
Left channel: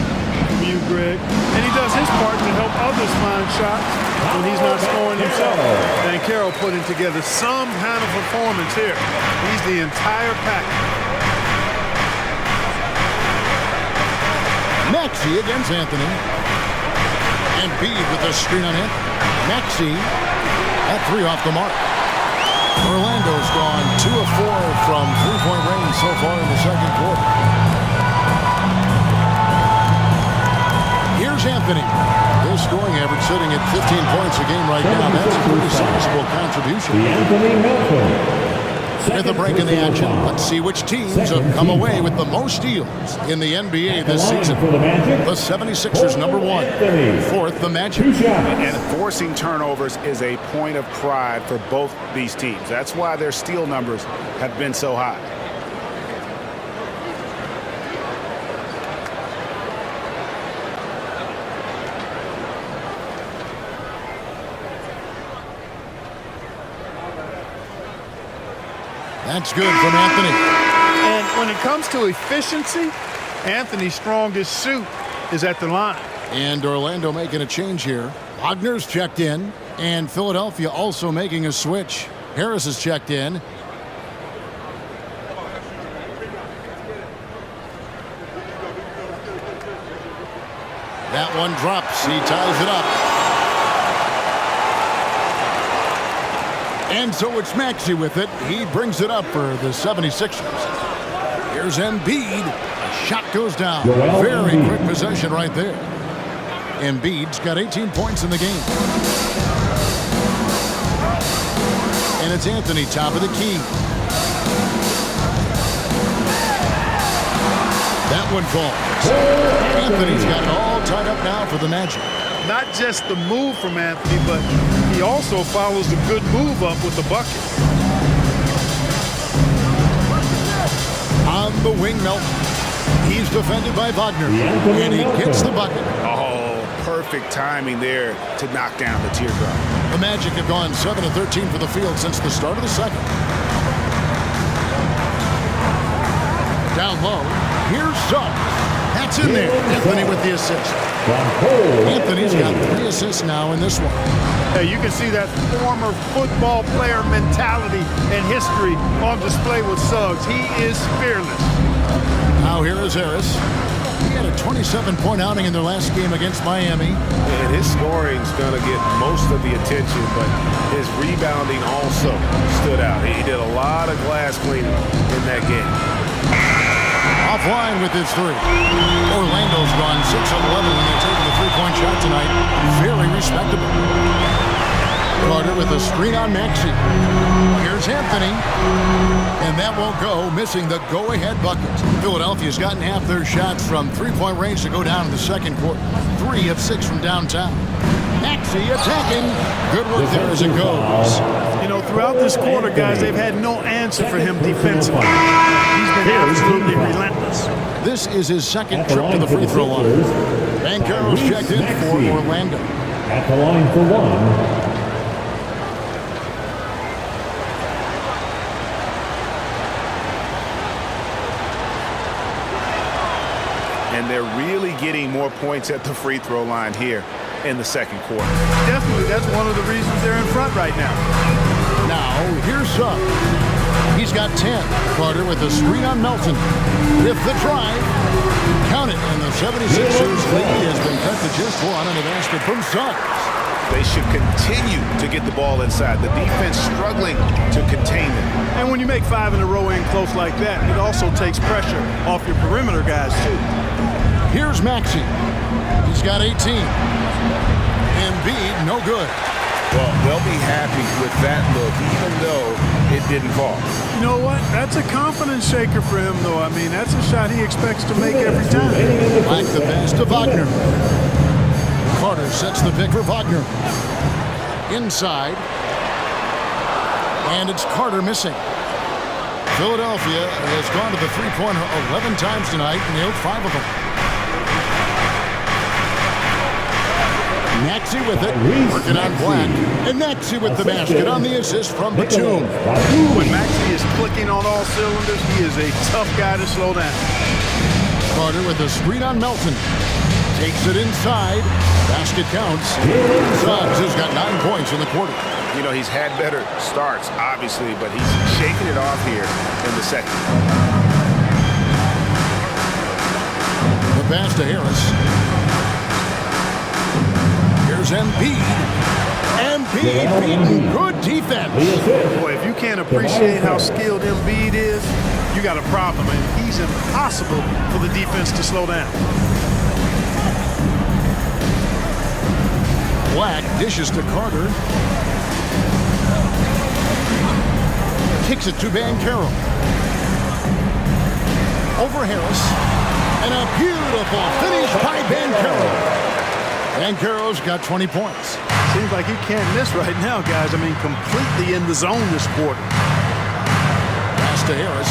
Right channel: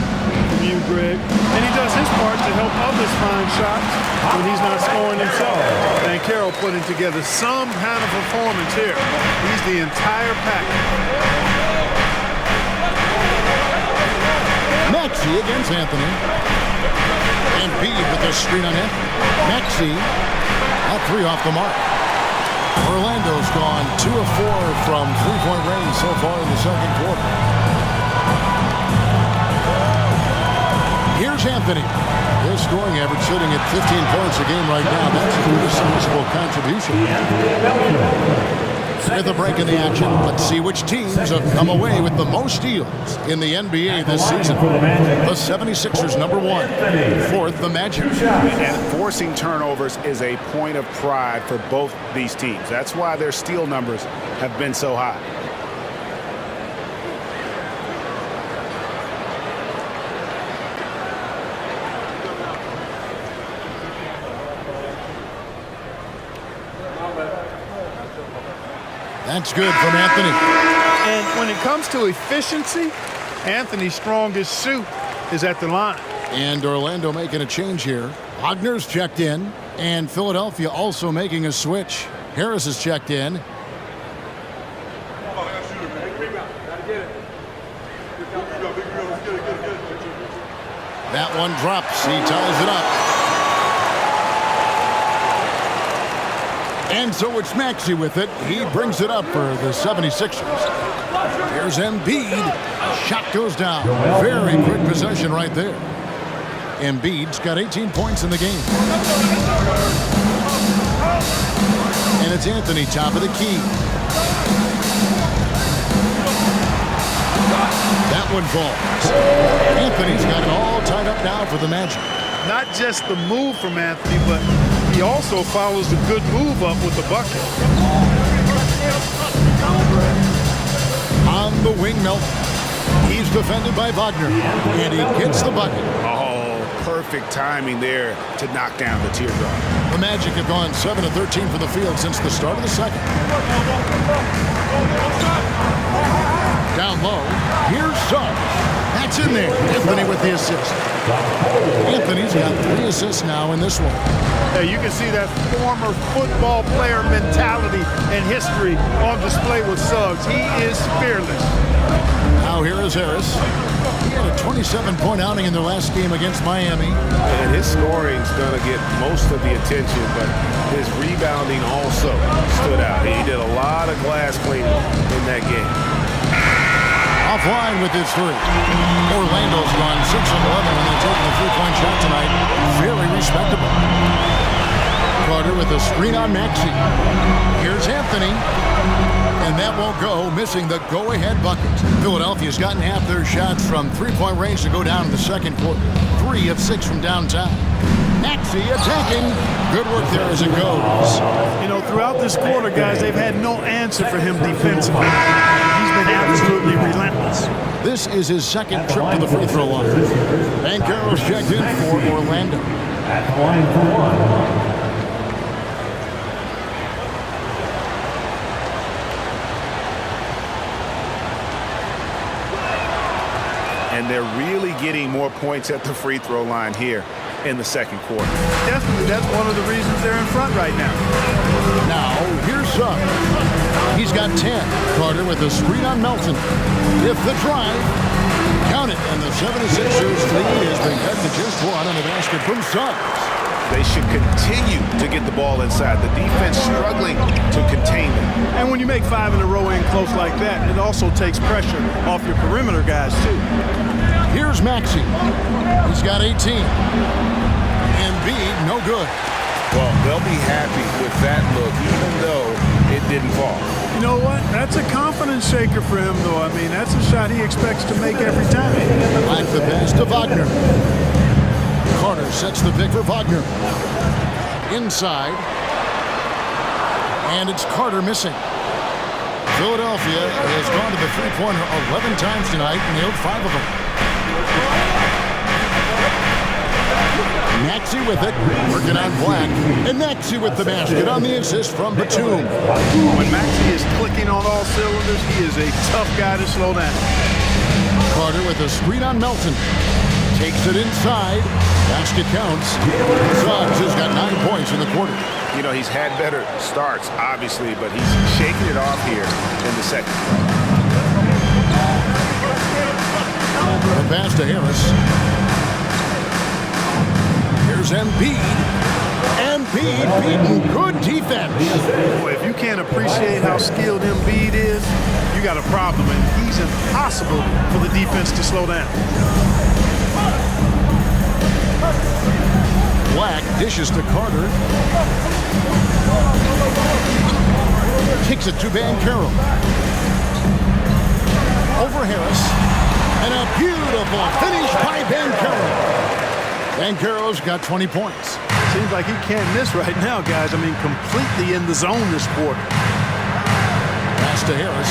from you, Greg. And he does his part to help others find shots when he's not scoring himself. Banchero putting together some kind of performance here. He's the entire package. Maxey against Anthony. Embiid with a screen on Anthony. Maxey, that 3 off the mark. Orlando's gone 2 of 4 from 3-point range so far in the second quarter. Here's Anthony. His scoring average sitting at 15 points a game right now. That's a pretty sizable contribution. With a break in the action, let's see which teams have come away with the most steals in the NBA this season. The 76ers, number 1. 4th, the Magic. And forcing turnovers is a point of pride for both these teams. That's why their steal numbers have been so high. That's good from Anthony. And when it comes to efficiency, Anthony's strongest suit is at the line. And Orlando making a change here. Wagner's checked in, and Philadelphia also making a switch. Harris is checked in. That one drops. He ties it up. And so it's Maxey with it. He brings it up for the 76ers. Here's Embiid. A shot goes down. Very quick possession right there. Embiid's got 18 points in the game. And it's Anthony, top of the key. That one falls. Anthony's got it all tied up now for the Magic. Not just the move from Anthony, but he also follows the good move up with the bucket. On the wing, Melton. He's defended by Wagner, and he gets the bucket. Oh, perfect timing there to knock down the teardrop. The Magic have gone 7 of 13 from the field since the start of the second. Down low, here's Suggs. That's in there. Anthony with the assist. Anthony's got 3 assists now in this one. Hey, you can see that former football player mentality and history on display with Suggs. He is fearless. Now here is Harris. He had a 27-point outing in their last game against Miami. And his scoring's going to get most of the attention, but his rebounding also stood out. He did a lot of glass cleaning in that game. Offline with his 3. Orlando's gone 6 of 11 when they're taking the 3-point shot tonight. Very respectable. Carter with a screen on Maxey. Here's Anthony. And that won't go, missing the go-ahead bucket. Philadelphia's gotten half their shots from 3-point range to go down in the second quarter. 3 of 6 from downtown. Maxey attacking. Good work there as it goes. You know, throughout this quarter, guys, they've had no answer for him defensively. He's been absolutely relentless. This is his second trip to the free throw line. Banchero's checked in for Orlando. At the line for 1. And they're really getting more points at the free throw line here in the second quarter. Definitely, that's one of the reasons they're in front right now. Now, here's Suggs. He's got 10. Carter with a screen on Melton. With the drive. Count it, and the 76ers lead has been cut to just 1 on the basket from Suggs. They should continue to get the ball inside. The defense struggling to contain them. And when you make 5 in a row in close like that, it also takes pressure off your perimeter guys, too. Here's Maxey. He's got 18. Embiid, no good. Well, they'll be happy with that look, even though it didn't fall. You know what? That's a confidence shaker for him, though. I mean, that's a shot he expects to make every time. Like the pass to Wagner. Carter sets the pick for Wagner. Inside. And it's Carter missing. Philadelphia has gone to the three-pointer 11 times tonight and nailed 5 of them. Maxey with it, working on Black. And Maxey with the basket on the assist from Batum. When Maxey is clicking on all cylinders, he is a tough guy to slow down. Carter with a screen on Melton. Takes it inside. Basket counts. Suggs has got 9 points in the quarter. You know, he's had better starts, obviously, but he's shaking it off here in the second. The pass to Harris. Here's Embiid. Embiid beaten. Good defense. Boy, if you can't appreciate how skilled Embiid is, you got a problem, and he's impossible for the defense to slow down. Black dishes to Carter. Kicks it to Banchero. Over Harris. And a beautiful finish by Banchero. Banchero's got 20 points. Seems like he can't miss right now, guys. I mean, completely in the zone this quarter. Pass to Harris.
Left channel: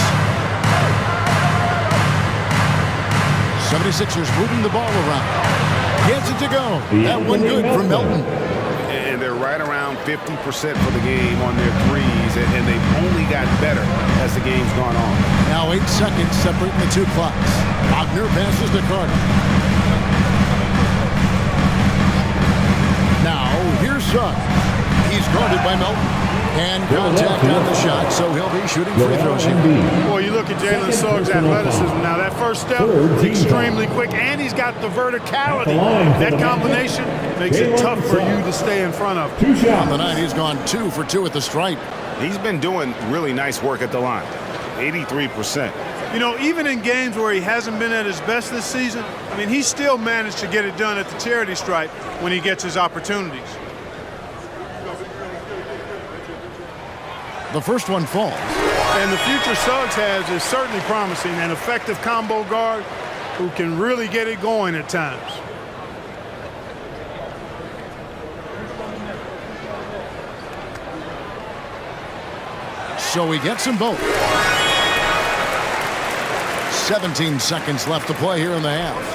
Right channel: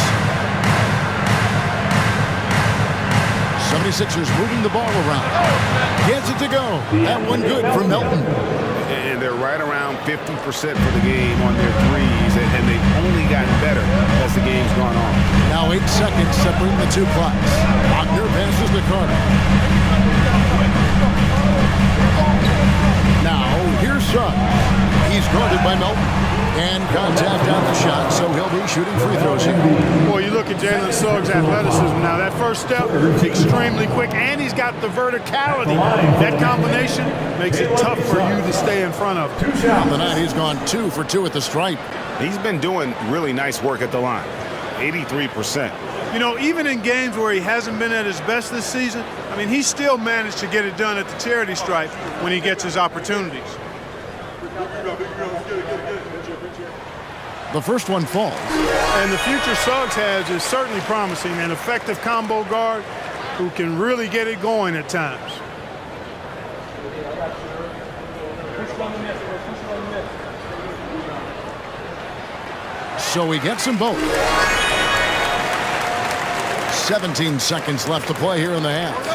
76ers moving the ball around. Gets it to go. That one good for Melton. And they're right around 50% for the game on their threes, and they've only gotten better as the game's gone on. Now 8 seconds separating the 2 clocks. Wagner passes to Carter. Now here's Suggs. He's guarded by Melton. And contact on the shot, so he'll be shooting free throws here. Boy, you look at Jalen Suggs' athleticism now. That first step, extremely quick, and he's got the verticality. That combination makes it tough for you to stay in front of. On the night, he's gone 2 for 2 at the stripe. He's been doing really nice work at the line. 83%. You know, even in games where he hasn't been at his best this season, I mean, he still managed to get it done at the charity stripe when he gets his opportunities. The first one falls. And the future Suggs has is certainly promising. An effective combo guard who can really get it going at times. So he gets them both. 17 seconds left to play here in the half.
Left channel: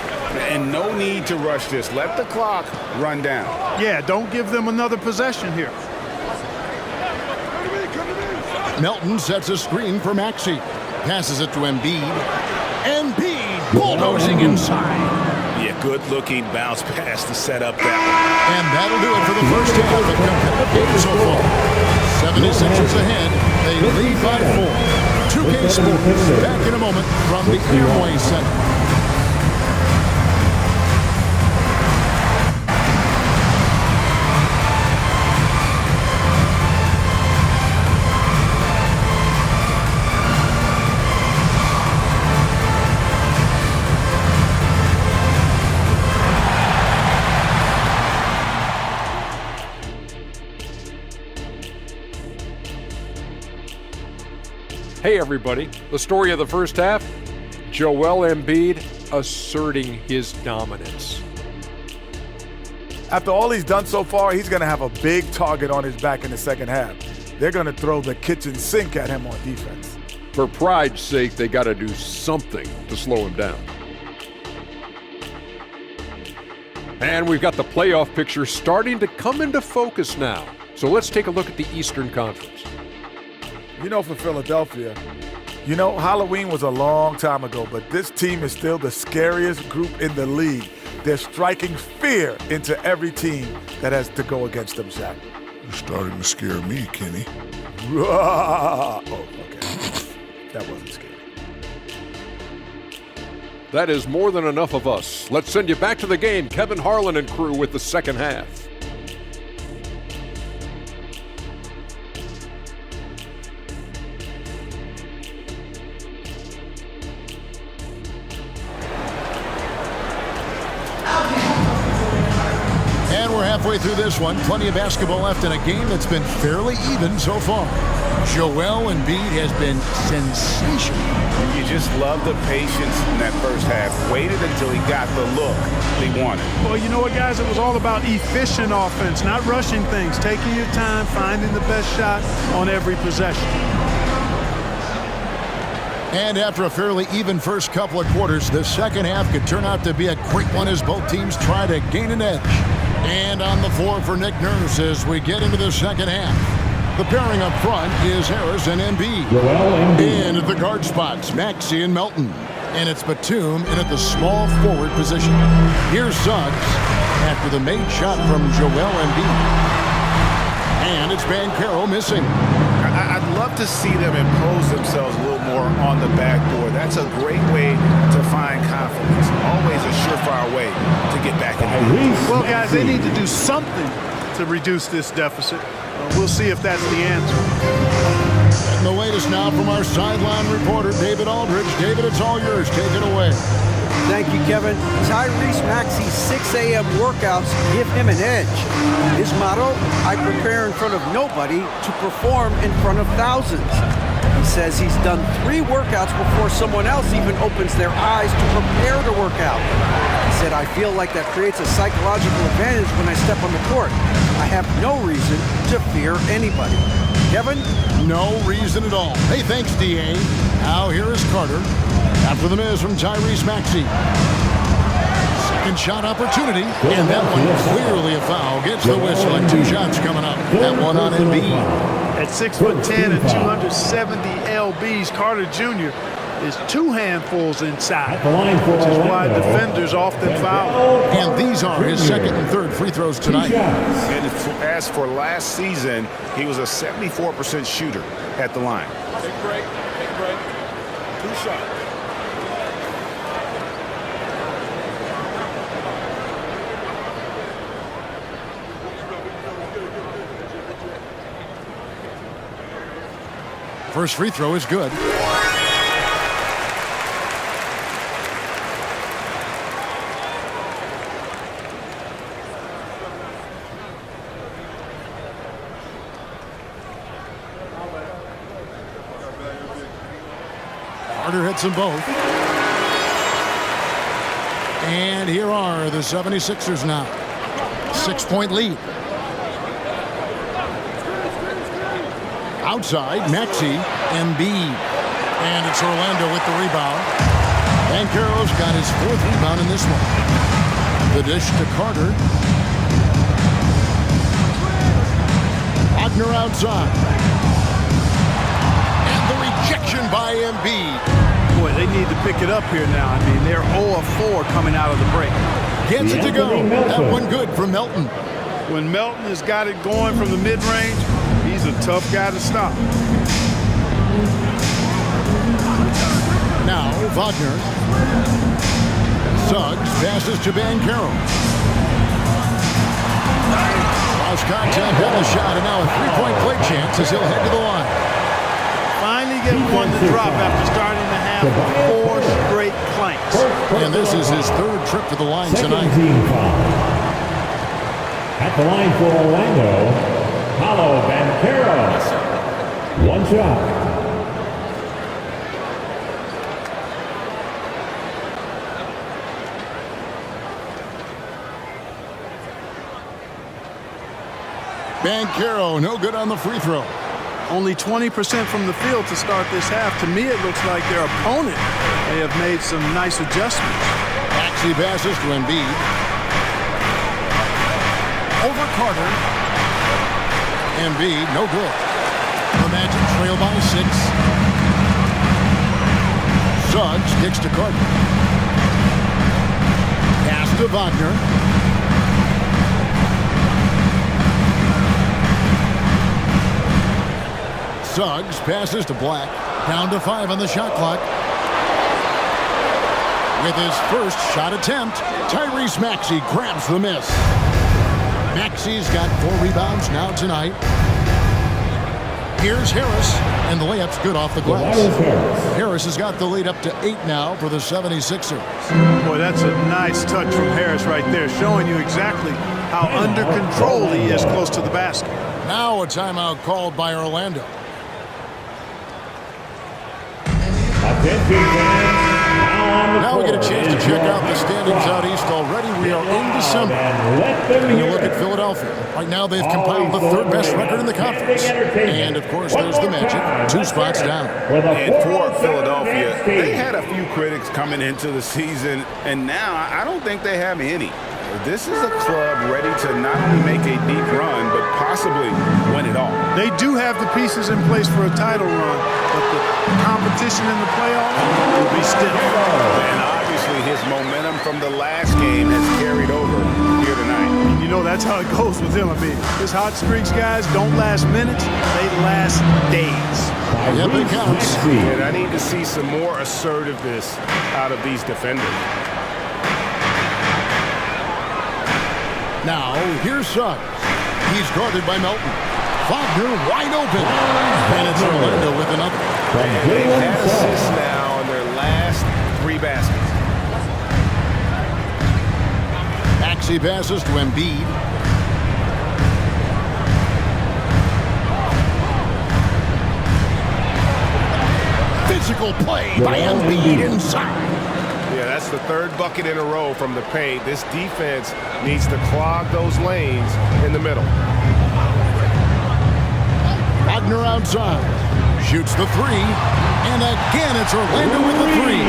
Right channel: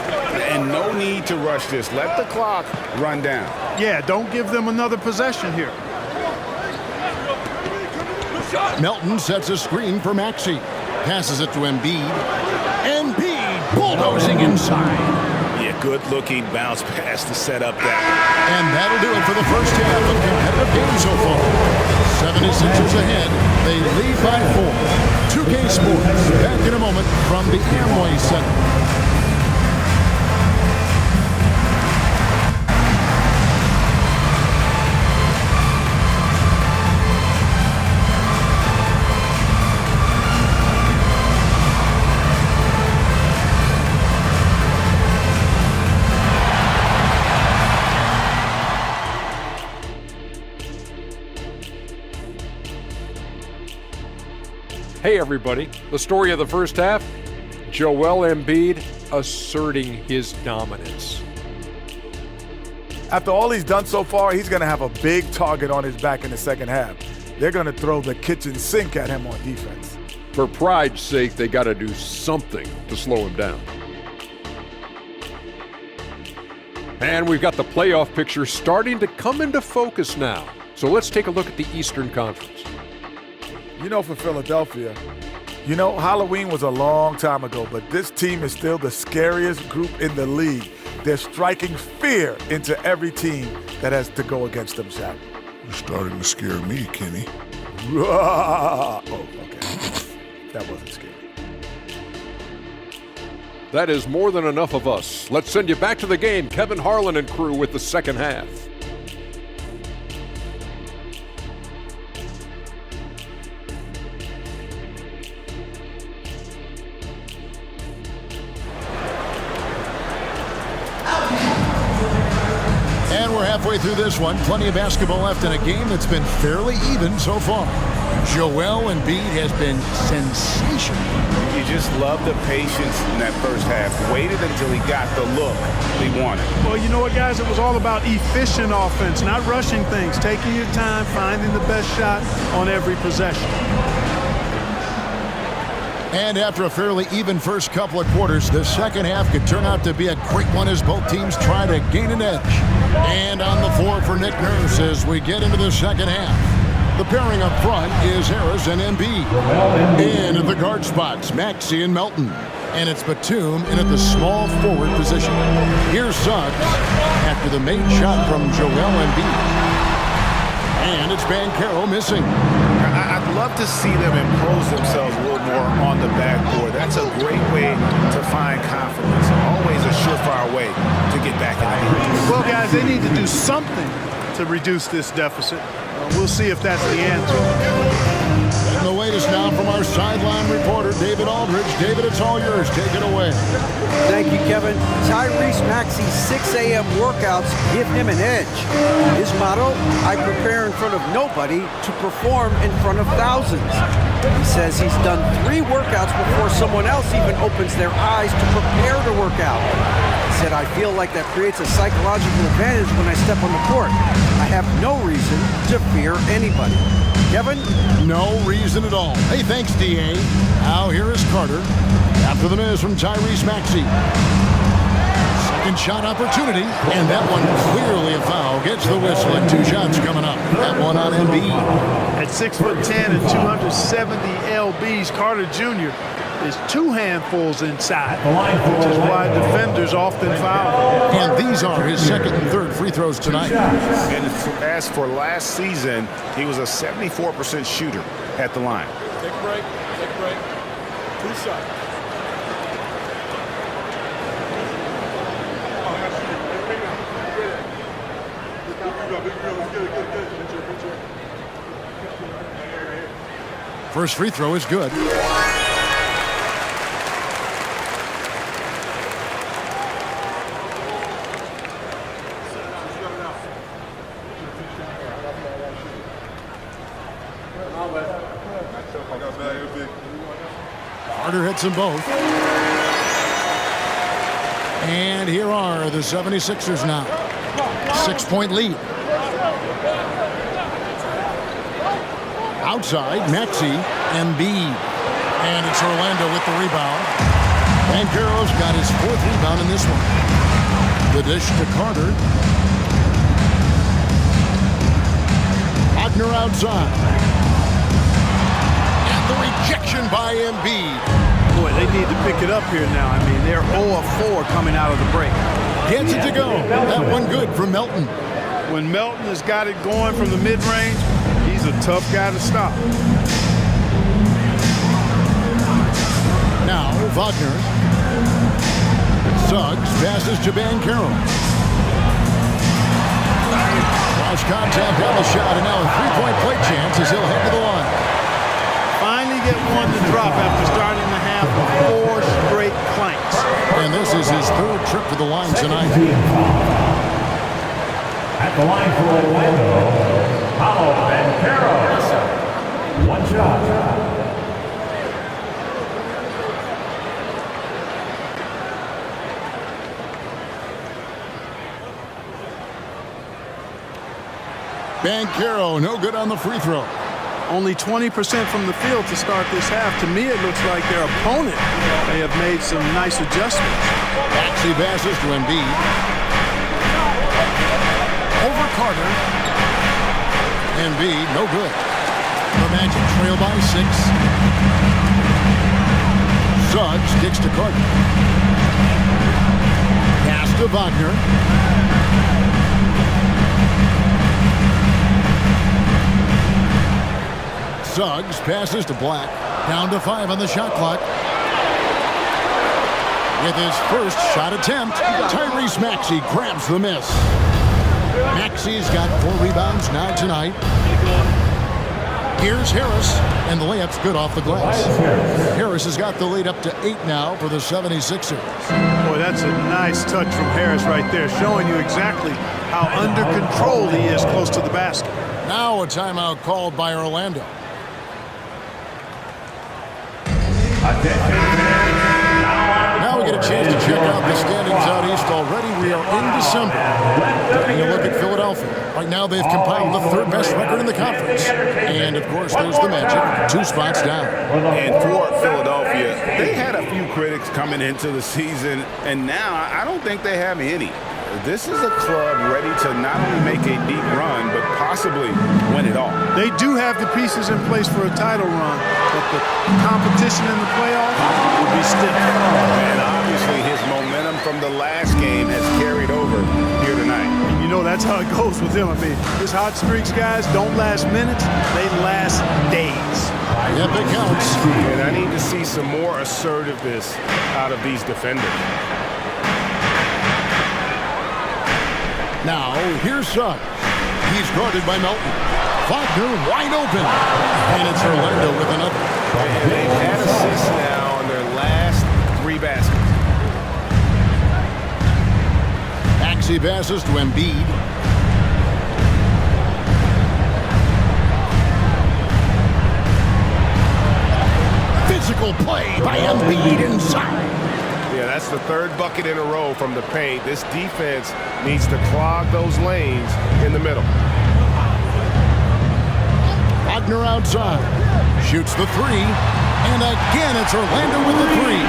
And no need to rush this. Let the clock run down. Yeah, don't give them another possession here. Melton sets a screen for Maxey. Passes it to Embiid. Embiid bulldozing inside. Yeah, good-looking bounce pass to set up that one. And that'll do it for the first half of competitive game so far. 76ers ahead. They lead by 4. 2K Sports back in a moment from the Amway Center. Hey everybody, the story of the first half, Joel Embiid asserting his dominance. After all he's done so far, he's going to have a big target on his back in the second half. They're going to throw the kitchen sink at him on defense. For pride's sake, they got to do something to slow him down. And we've got the playoff picture starting to come into focus now. So let's take a look at the Eastern Conference. You know, for Philadelphia, you know, Halloween was a long time ago, but this team is still the scariest group in the league. They're striking fear into every team that has to go against them, Shaq. You're starting to scare me, Kenny. Oh, okay. That wasn't scary. That is more than enough of us. Let's send you back to the game. Kevin Harlan and crew with the second half. And we're halfway through this one. Plenty of basketball left in a game that's been fairly even so far. Joel Embiid has been sensational. You just love the patience in that first half. Waited until he got the look he wanted. Well, you know what, guys? It was all about efficient offense, not rushing things, taking your time, finding the best shot on every possession. And after a fairly even first couple of quarters, the second half could turn out to be a great one as both teams try to gain an edge. And on the floor for Nick Nurse as we get into the second half. The pairing up front is Harris and Embiid. In at the guard spots, Maxey and Melton. And it's Batum in at the small forward position. Here's Suggs after the made shot from Joel Embiid. And it's Banchero missing. I'd love to see them impose themselves a little more on the backboard. That's a great way to find confidence. Always a surefire way to get back in the game. Well, guys, they need to do something to reduce this deficit. We'll see if that's the answer. Getting the latest now from our sideline reporter, David Aldridge. David, it's all yours. Take it away. Thank you, Kevin. Tyrese Maxey's 6 a.m. workouts give him an edge. His motto, I prepare in front of nobody to perform in front of thousands. He says he's done 3 workouts before someone else even opens their eyes to prepare to work out. He said, I feel like that creates a psychological advantage when I step on the court. I have no reason to fear anybody. Kevin? No reason at all. Hey, thanks, D.A. Now here is Carter. After the miss from Tyrese Maxey. Second shot opportunity, and that one clearly a foul. Gets the whistle, and 2 shots coming up. That one on Embiid. At 6'10" and 270 lbs, Carter Jr. is 2 handfuls inside, which is why defenders often foul. And these are his second and third free throws tonight. And as for last season, he was a 74% shooter at the line. Take a break. Take a break. 2 shots. First free throw is good. Carter hits them both. And here are the 76ers now. 6-point lead. Outside, Maxey, Embiid. And it's Orlando with the rebound. Banchero's got his 4th rebound in this one. The dish to Carter. Wagner outside. And the rejection by Embiid. Boy, they need to pick it up here now. I mean, they're 0 of 4 coming out of the break. Gets it to go. That one good from Melton. When Melton has got it going from the mid-range, he's a tough guy to stop. Now Wagner. Suggs passes to Bancaro. Lost contact on the shot, and now a three-point play chance as he'll head to the line. Finally get one to drop after starting the half with 4 straight clanks. And this is his 3rd trip to the line tonight. At the line for Orlando, Paulo Bancaro. One shot. Bancaro, no good on the free throw. Only 20% from the field to start this half. To me, it looks like their opponent may have made some nice adjustments. Maxey passes to Embiid. Over Carter. Embiid, no good. The Magic trail by 6. Suggs kicks to Carter. Pass to Wagner. Suggs passes to Black. Down to 5 on the shot clock. With his first shot attempt, Tyrese Maxey grabs the miss. Maxey's got 4 rebounds now tonight. Here's Harris, and the layup's good off the glass. Harris has got the lead up to 8 now for the 76ers. Boy, that's a nice touch from Harris right there, showing you exactly how under control he is close to the basket. Now a timeout called by Orlando. Now we get a chance to check out the standings out east already. We are in December. Taking a look at Philadelphia. Right now they've compiled the 3rd best record in the conference. And of course there's the Magic, 2 spots down. And for Philadelphia, they had a few critics coming into the season, and now I don't think they have any. This is a club ready to not only make a deep run, but possibly win it all. They do have the pieces in place for a title run, but the competition in the playoffs will be stiff. And obviously his momentum from the last game has carried over here tonight. And you know that's how it goes with him. I mean, his hot streaks, guys, don't last minutes, they last days. Yep, it counts. And I need to see some more assertiveness out of these defenders. Now, here's Suggs. He's guarded by Melton. Wagner wide open. And it's Orlando with another. And they've had assists now on their last 3 baskets. Maxey passes to Embiid. Physical play by Embiid inside. Yeah, that's the 3rd bucket in a row from the paint. This defense needs to clog those lanes in the middle. Wagner outside. Shoots the 3. And again, it's Orlando with the 3.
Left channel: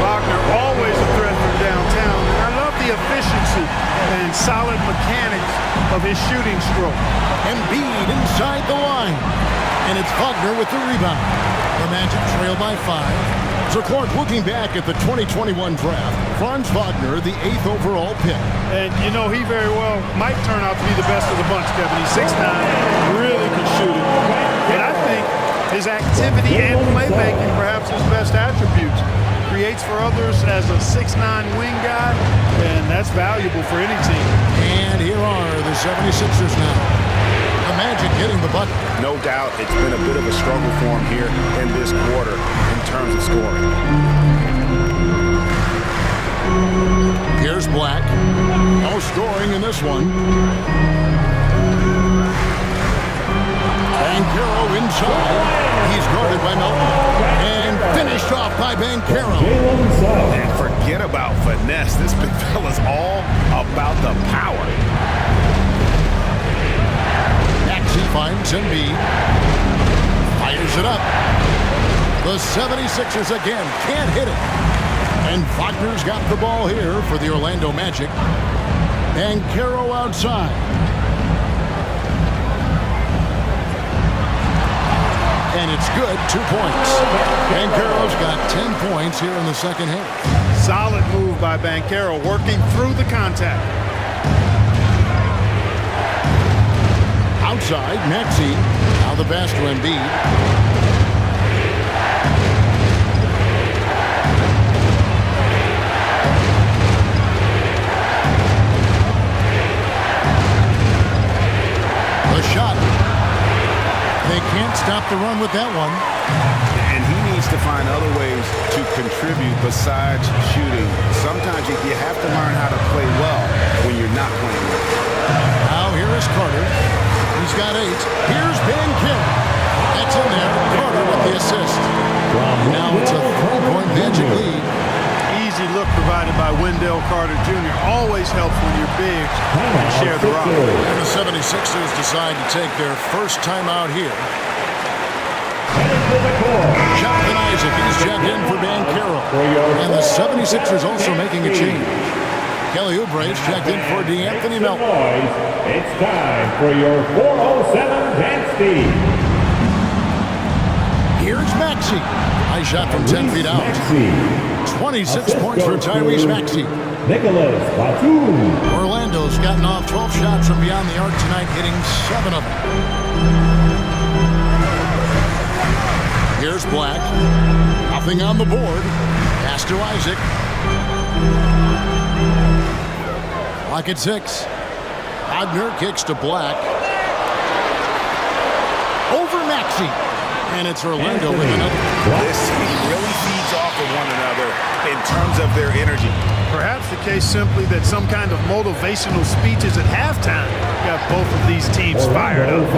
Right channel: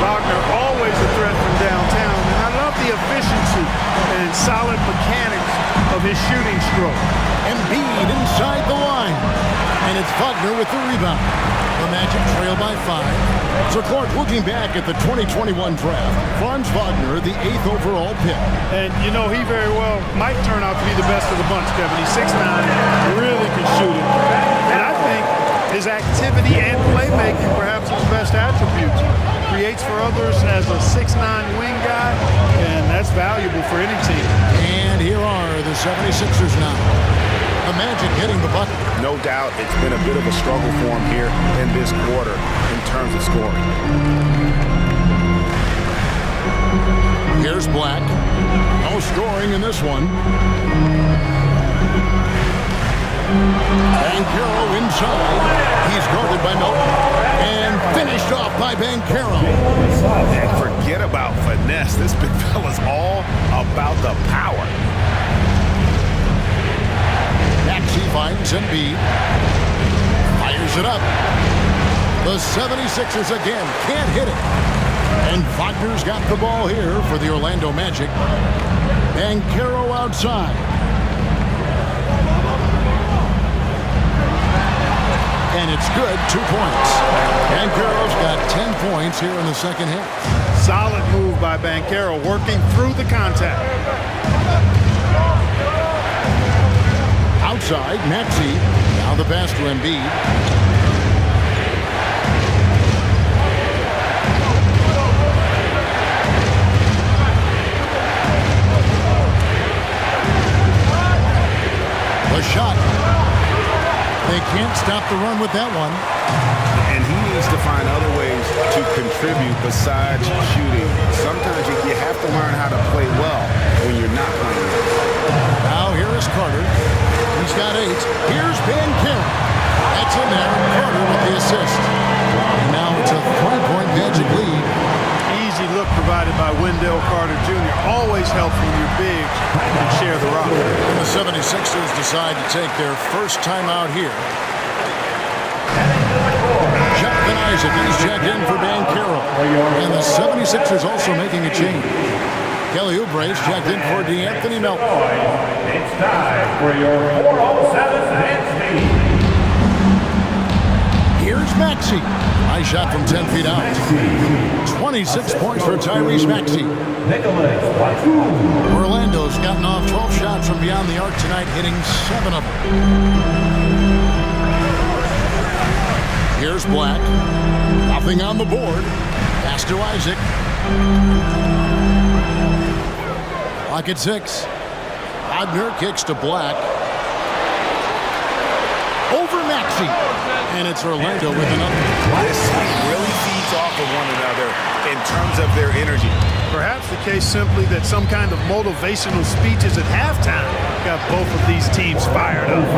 Wagner always a threat from downtown, and I love the efficiency and solid mechanics of his shooting stroke. Embiid inside the line. And it's Wagner with the rebound. The Magic trail by 5. So Clark, looking back at the 2021 draft, Franz Wagner, the 8th overall pick. And, you know, he very well might turn out to be the best of the bunch, Kevin. He's 6'9", really can shoot it. And I think his activity and playmaking, perhaps his best attributes. Creates for others as a 6'9" wing guy, and that's valuable for any team. And here are the 76ers now. The Magic hitting the bucket. No doubt it's been a bit of a struggle for him here in this quarter in terms of scoring. Here's Black. No scoring in this one. Bancaro inside. He's guarded by Melton. And finished off by Bancaro. And forget about finesse. This big fella's all about the power. Maxey finds Embiid. Fires it up. The 76ers again can't hit it. And Wagner's got the ball here for the Orlando Magic. Bancaro outside. and it's good. 2 points. Banchero's got 10 points here in the second half. Solid move by Banchero, working through the contact. Outside, Maxey. Now the pass to Embiid. The shot. They can't stop the run with that one. And he needs to find other ways to contribute besides shooting. Sometimes you have to learn how to play well when you're not playing well. Now here is Carter. He's got 8. Here's Banchero. That's in there. Carter with the assist. And now it's a 3-point Magic lead. Easy look provided by Wendell Carter Jr. Always helps when your bigs can share the rock. And the 76ers decide to take their first time out here. Jonathan Isaac, he's checked in for Banchero. And the 76ers also making a change. Kelly Oubre's checked in for DeAnthony Melton. It's time for your 407 dance beat. Here's Maxey. Nice shot from 10 feet out. 26 points for Tyrese Maxey. Nicholas Batum. Orlando's gotten off 12 shots from beyond the arc tonight, hitting 7 of them. Here's Black. Nothing on the board. Pass to Isaac. Clock at 6. Wagner kicks to Black. Over Maxey. And it's Orlando with another. This team really feeds off of one another in terms of their energy. Perhaps the case simply that some kind of motivational speeches at halftime got both of these teams fired up.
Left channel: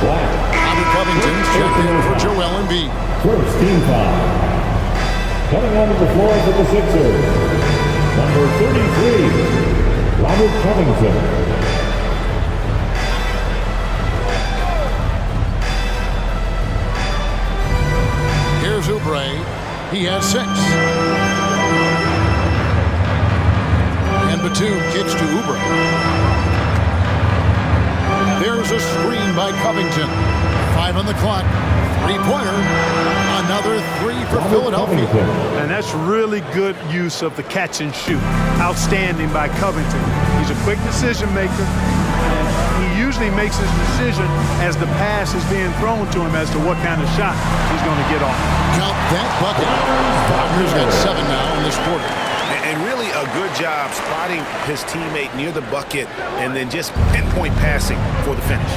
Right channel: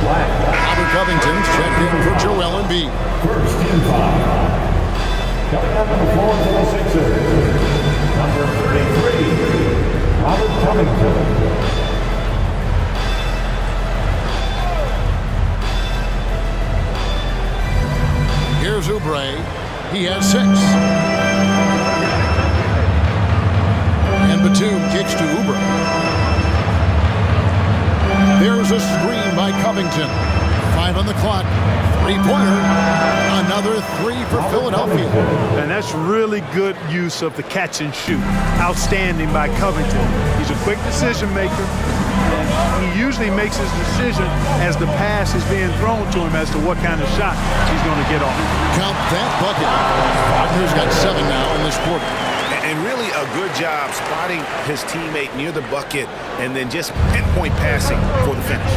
Robert Covington's checked in for Joel Embiid. First team foul. Coming onto the floor for the Sixers. Number 33, Robert Covington. Here's Oubre. He has 6. And Batum kicks to Oubre. There's a screen by Covington. 5 on the clock. 3-pointer. Another 3 for Philadelphia. And that's really good use of the catch and shoot. Outstanding by Covington. He's a quick decision maker. And he usually makes his decision as the pass is being thrown to him as to what kind of shot he's going to get off. Count that bucket. Wagner's got 7 now in this quarter. And really a good job spotting his teammate near the bucket and then just pinpoint passing for the finish.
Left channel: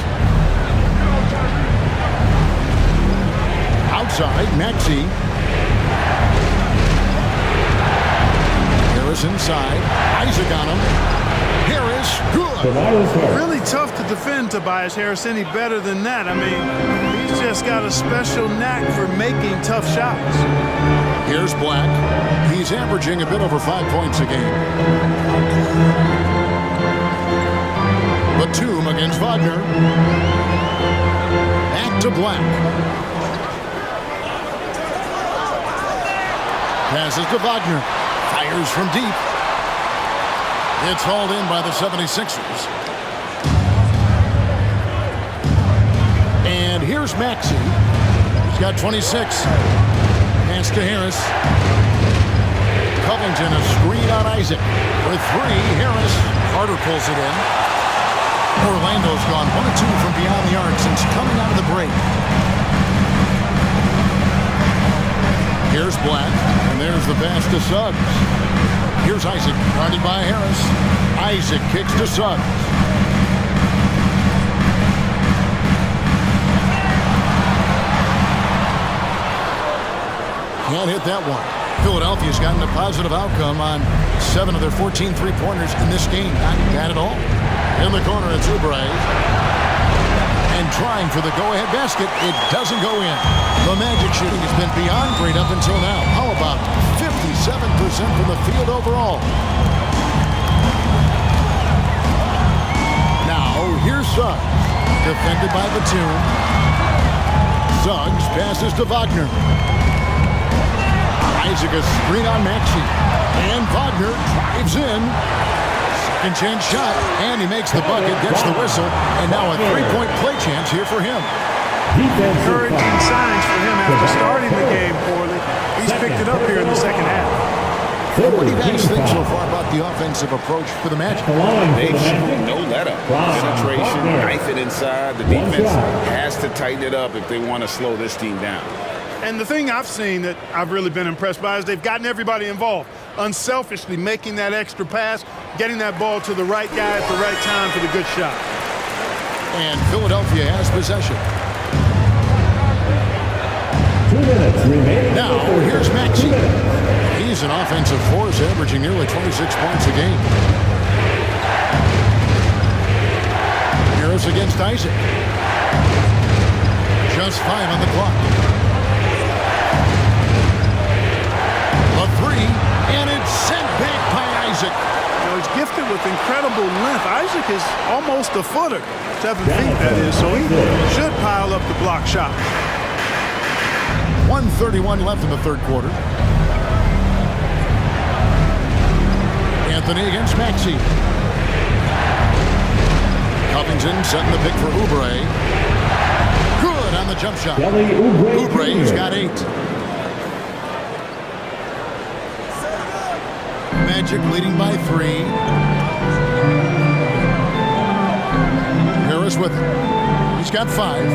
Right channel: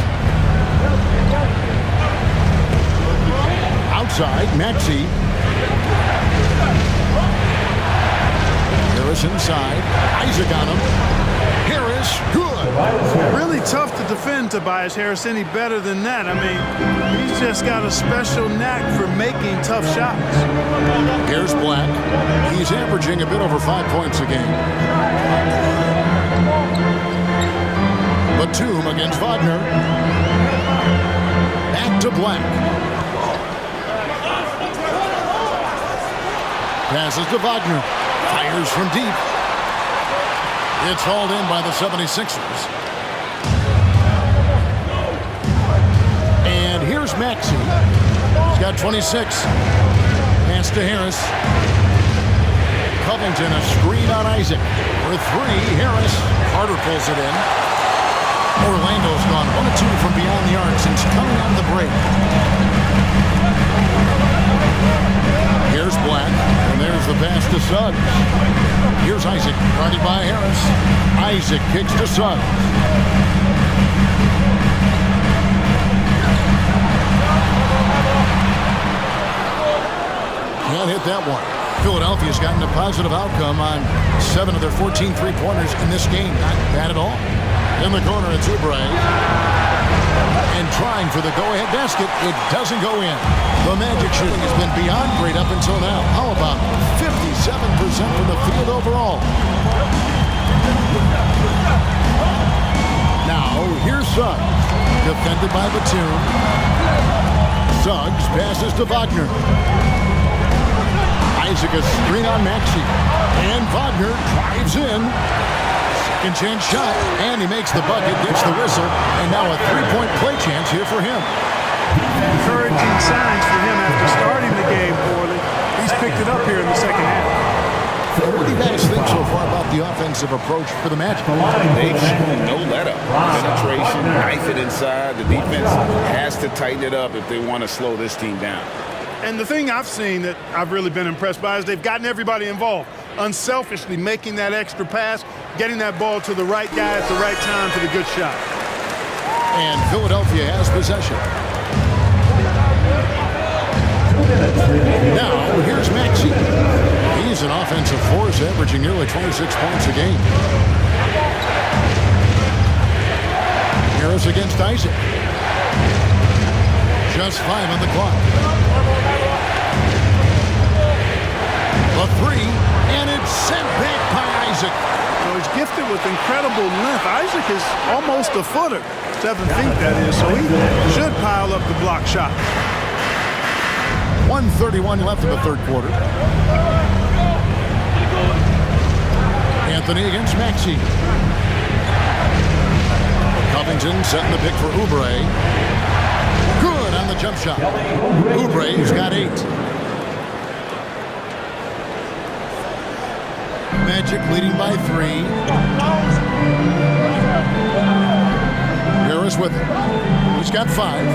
Outside, Maxey. Harris inside. Isaac on him. Harris, good. Really tough to defend Tobias Harris any better than that. I mean, he's just got a special knack for making tough shots. Here's Black. He's averaging a bit over 5 points a game. Batum against Wagner. Back to Black. Passes to Wagner. Fires from deep. It's hauled in by the 76ers. And here's Maxey. He's got 26. Pass to Harris. Covington, a screen on Isaac. For 3, Harris. Carter pulls it in. Orlando's gone 1 of 2 from beyond the arc since coming out of the break. Here's Black, and there's the pass to Suggs. Here's Isaac, guarded by Harris. Isaac kicks to Suggs. Can't hit that one. Philadelphia's gotten a positive outcome on 7 of their 14 three-pointers in this game. Not bad at all. In the corner, it's Oubre. And trying for the go-ahead basket, it doesn't go in. The Magic shooting has been beyond great up until now. How about 57% from the field overall? Now, here's Suggs. Defended by Batum. Suggs passes to Wagner. Isaac a screen on Maxey. And Wagner drives in. Second chance shot. And he makes the bucket, gets the whistle. And now a 3-point play chance here for him. Encouraging signs for him after starting the game poorly. He's picked it up here in the second half. And what do you guys think so far about the offensive approach for the Magic? They've shown no let-up. Penetration, knife it inside. The defense has to tighten it up if they want to slow this team down. And the thing I've seen that I've really been impressed by is they've gotten everybody involved, unselfishly making that extra pass, getting that ball to the right guy at the right time for the good shot. And Philadelphia has possession. 2 minutes remaining. Now, here's Maxey. He's an offensive force, averaging nearly 26 points a game. Harris against Isaac. Just 5 on the clock. A 3, and it's sent back by Isaac. You know, he's gifted with incredible length. Isaac is almost a footer, 7 feet that is, so he should pile up the block shot. 1:31 left in the third quarter. Anthony against Maxey. Covington setting the pick for Oubre. Good on the jump shot. Kelly Oubre, Oubre, who's got 8. Magic leading by 3. Harris with it. He's got 5.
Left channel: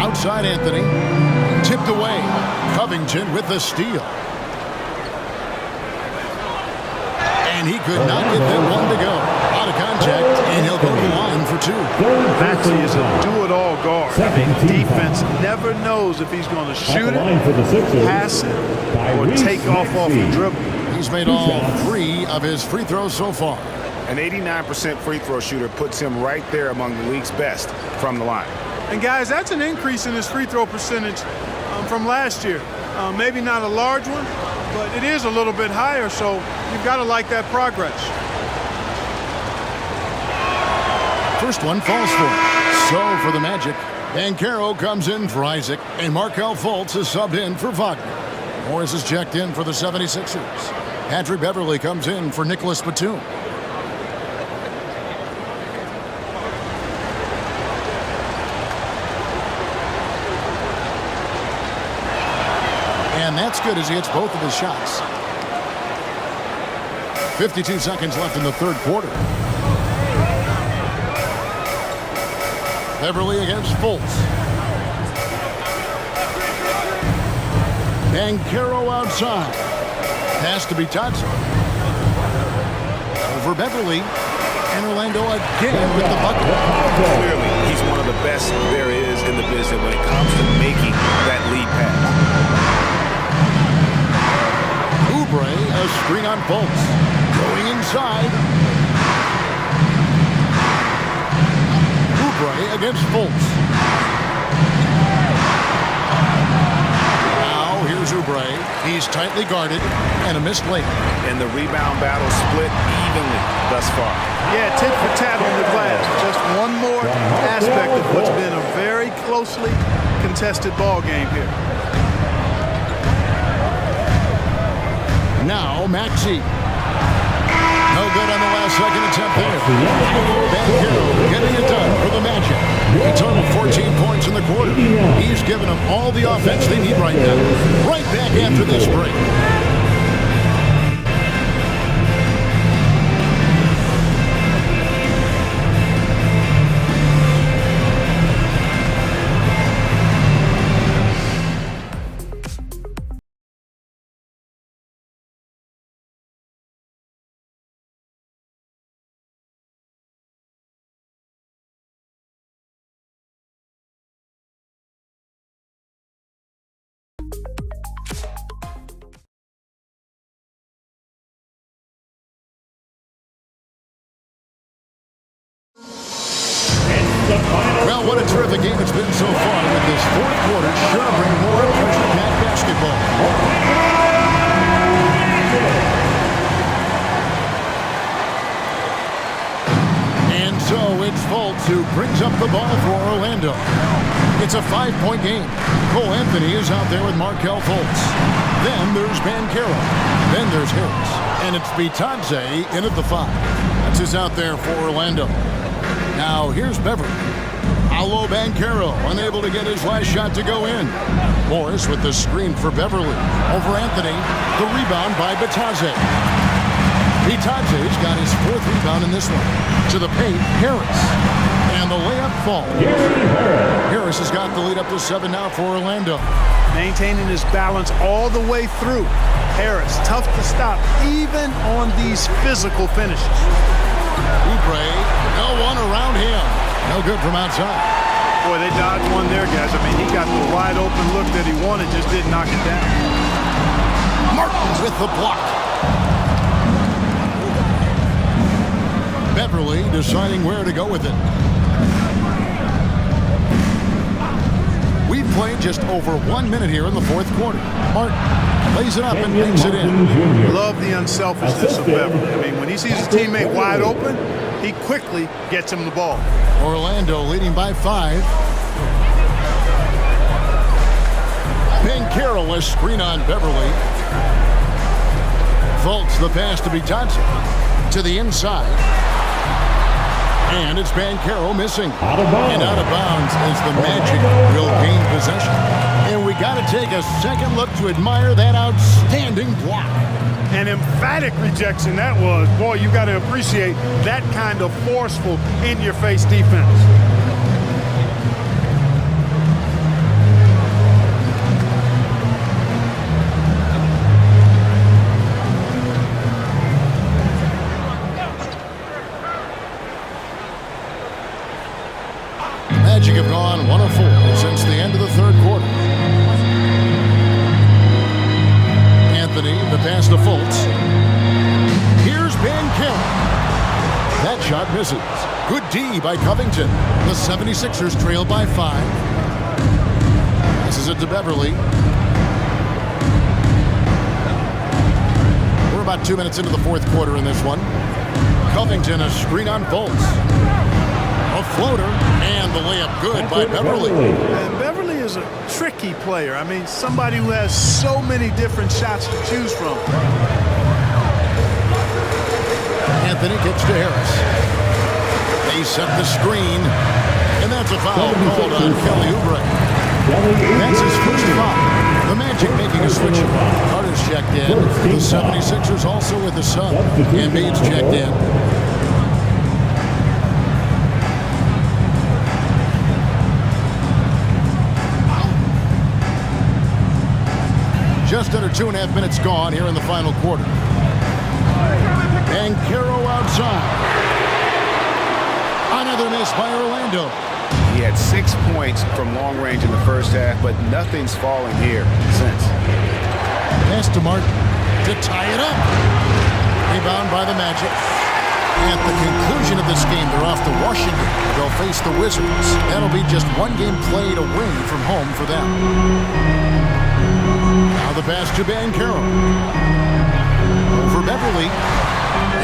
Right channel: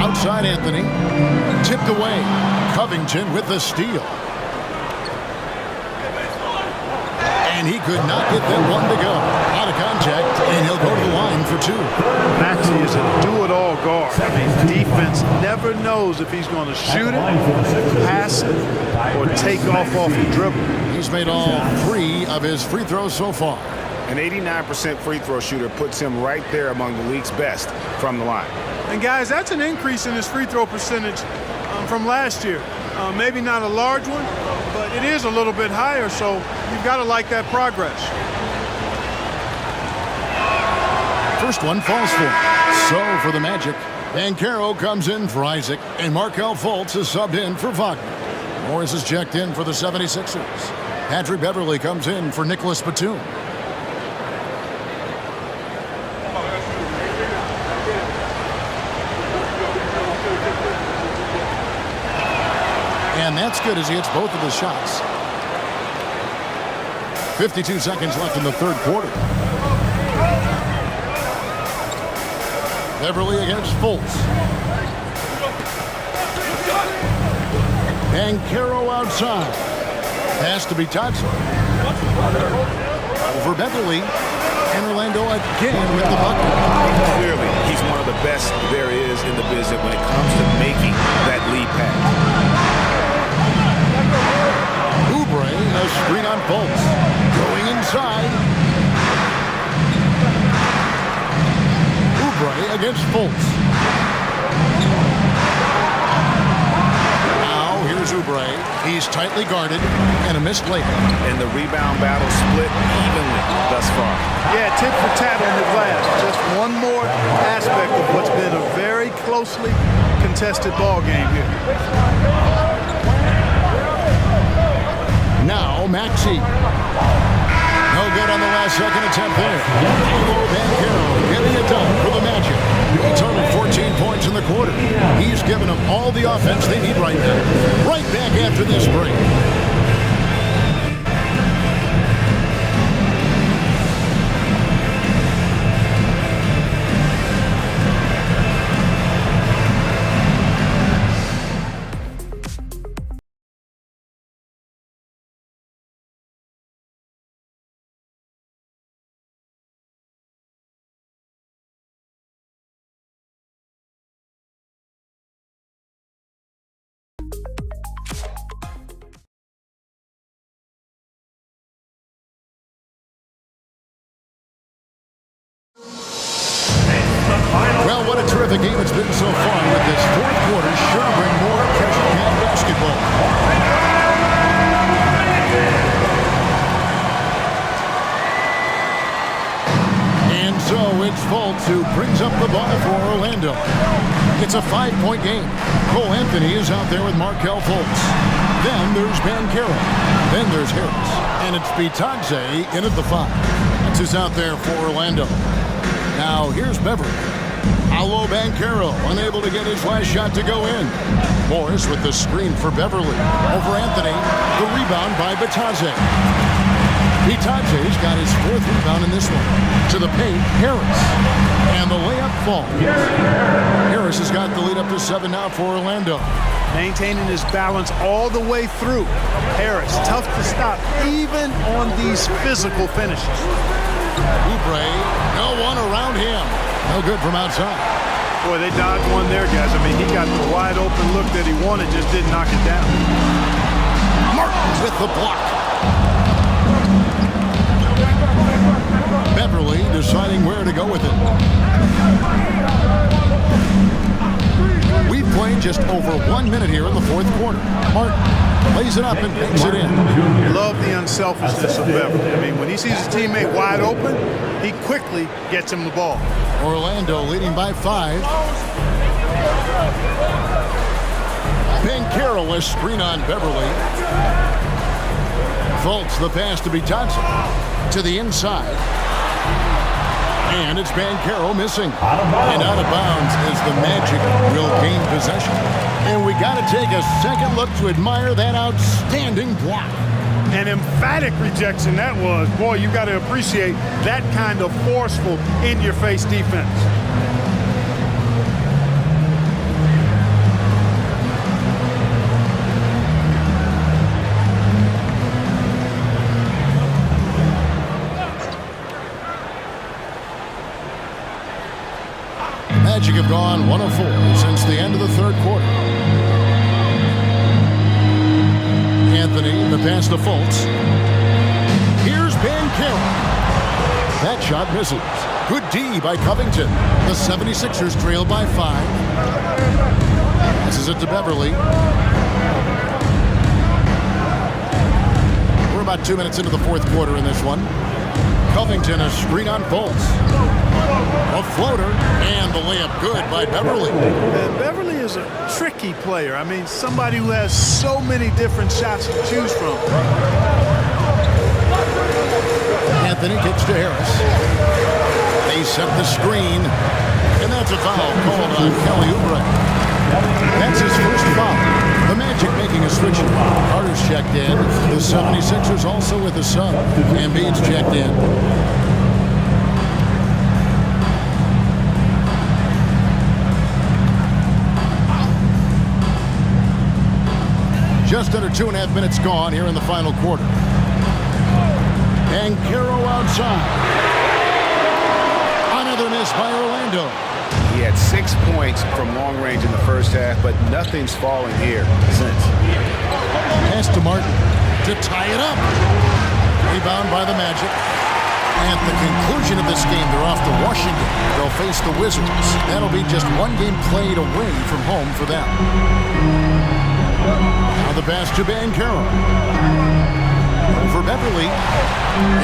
Outside Anthony. Tipped away. Covington with the steal. And he could not get that one to go. Out of contact, and he'll go to the line for 2. Maxey is a do-it-all guard. I mean, defense never knows if he's going to shoot it, pass it, or take off the dribble. He's made all 3 of his free throws so far. An 89% free throw shooter puts him right there among the league's best from the line. And guys, that's an increase in his free throw percentage from last year. Maybe not a large one, but it is a little bit higher, so you've got to like that progress. First one falls for him. So for the Magic, Banchero comes in for Isaac, and Markelle Fultz is subbed in for Wagner. Morris is checked in for the 76ers. Patrick Beverly comes in for Nicholas Batum. And that's good as he hits both of his shots. 52 seconds left in the third quarter. Beverly against Fultz. Banchero outside. Pass to Bitadze. Over Beverly. And Orlando again with the bucket. Clearly, he's one of the best there is in the business when it comes to making that lead pass. Oubre, a screen on Fultz. Going inside. Oubre against Fultz. Now here's Oubre. He's tightly guarded and a missed layup. And the rebound battle split evenly thus far. Yeah, tit for tat on the glass. Just one more aspect of what's been a very closely contested ball game here. Now Maxey. No good on the last second attempt there. Banchero getting it done for the Magic. He totaled 14 points in the quarter. He's given them all the offense they need right now. Right back after this break. Well, what a terrific game it's been so far, with this fourth quarter sure to bring more pressure-packed basketball. And so it's Fultz who brings up the ball for Orlando. It's a 5-point game. Cole Anthony is out there with Markelle Fultz. Then there's Banchero. Then there's Harris. And it's Bitadze in at the 5. That's who's out there for Orlando. Now here's Beverly. Paolo Banchero unable to get his last shot to go in. Morris with the screen for Beverly. Over Anthony. The rebound by Bitadze. Bitadze's got his 4th rebound in this one. To the paint, Harris. And the layup falls. Harris has got the lead up to 7 now for Orlando. Maintaining his balance all the way through. Harris, tough to stop, even on these physical finishes. Oubre, no one around him. No good from outside. Boy, they dodged one there, guys. I mean, he got the wide open look that he wanted, just didn't knock it down. Martin with the block. Beverly deciding where to go with it. We've played just over 1 minute here in the 4th quarter. Martin lays it up and banks it in. Love the unselfishness of Beverly. I mean, when he sees his teammate wide open, he quickly gets him the ball. Orlando leading by 5. Banchero a screen on Beverly. Fultz the pass to Bitadze. To the inside. And it's Banchero missing. And out of bounds as the Magic will gain possession. And we got to take a second look to admire that outstanding block. An emphatic rejection that was. Boy, you got to appreciate that kind of forceful, in-your-face defense. Magic have gone 1 of 4 since the end of the 3rd quarter. Anthony, the pass to Fultz. Here's Banchero. That shot misses. Good D by Covington. The 76ers trail by 5. Passes it to Beverly. We're about 2 minutes into the 4th quarter in this one. Covington, a screen on Fultz. A floater, and the layup good by Beverly. And Beverly is a tricky player. I mean, somebody who has so many different shots to choose from. Anthony kicks to Harris. They set the screen, and that's a foul called on Kelly Oubre. That's his first foul. The Magic making a switch. Carter's checked in. The 76ers also with a sub. Embiid's checked in. Just under 2.5 minutes gone here in the final quarter. Banchero outside. Another miss by Orlando. He had 6 points from long range in the first half, but nothing's falling here since. Pass to Martin to tie it up. Rebound by the Magic. At the conclusion of this game, they're off to Washington. They'll face the Wizards. That'll be just 1 game played away from home for them. Now the pass to Banchero. Over Beverly.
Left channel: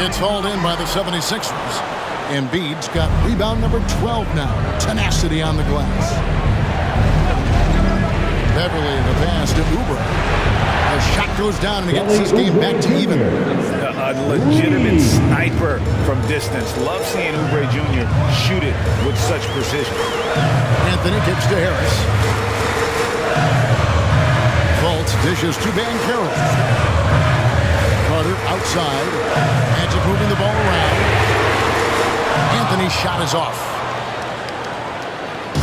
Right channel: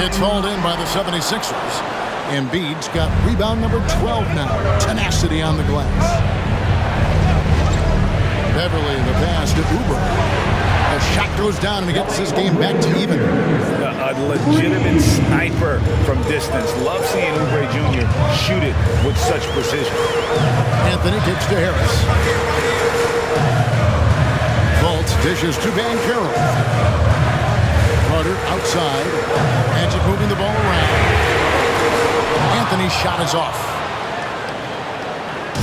It's hauled in by the 76ers. Embiid's got rebound number 12 now. Tenacity on the glass. Beverly, the pass to Oubre. The shot goes down and he gets this game back to even. A legitimate sniper from distance. Love seeing Oubre Jr. shoot it with such precision. Anthony kicks to Harris. Fultz dishes to Banchero. Carter outside. Magic moving the ball around. Anthony's shot is off.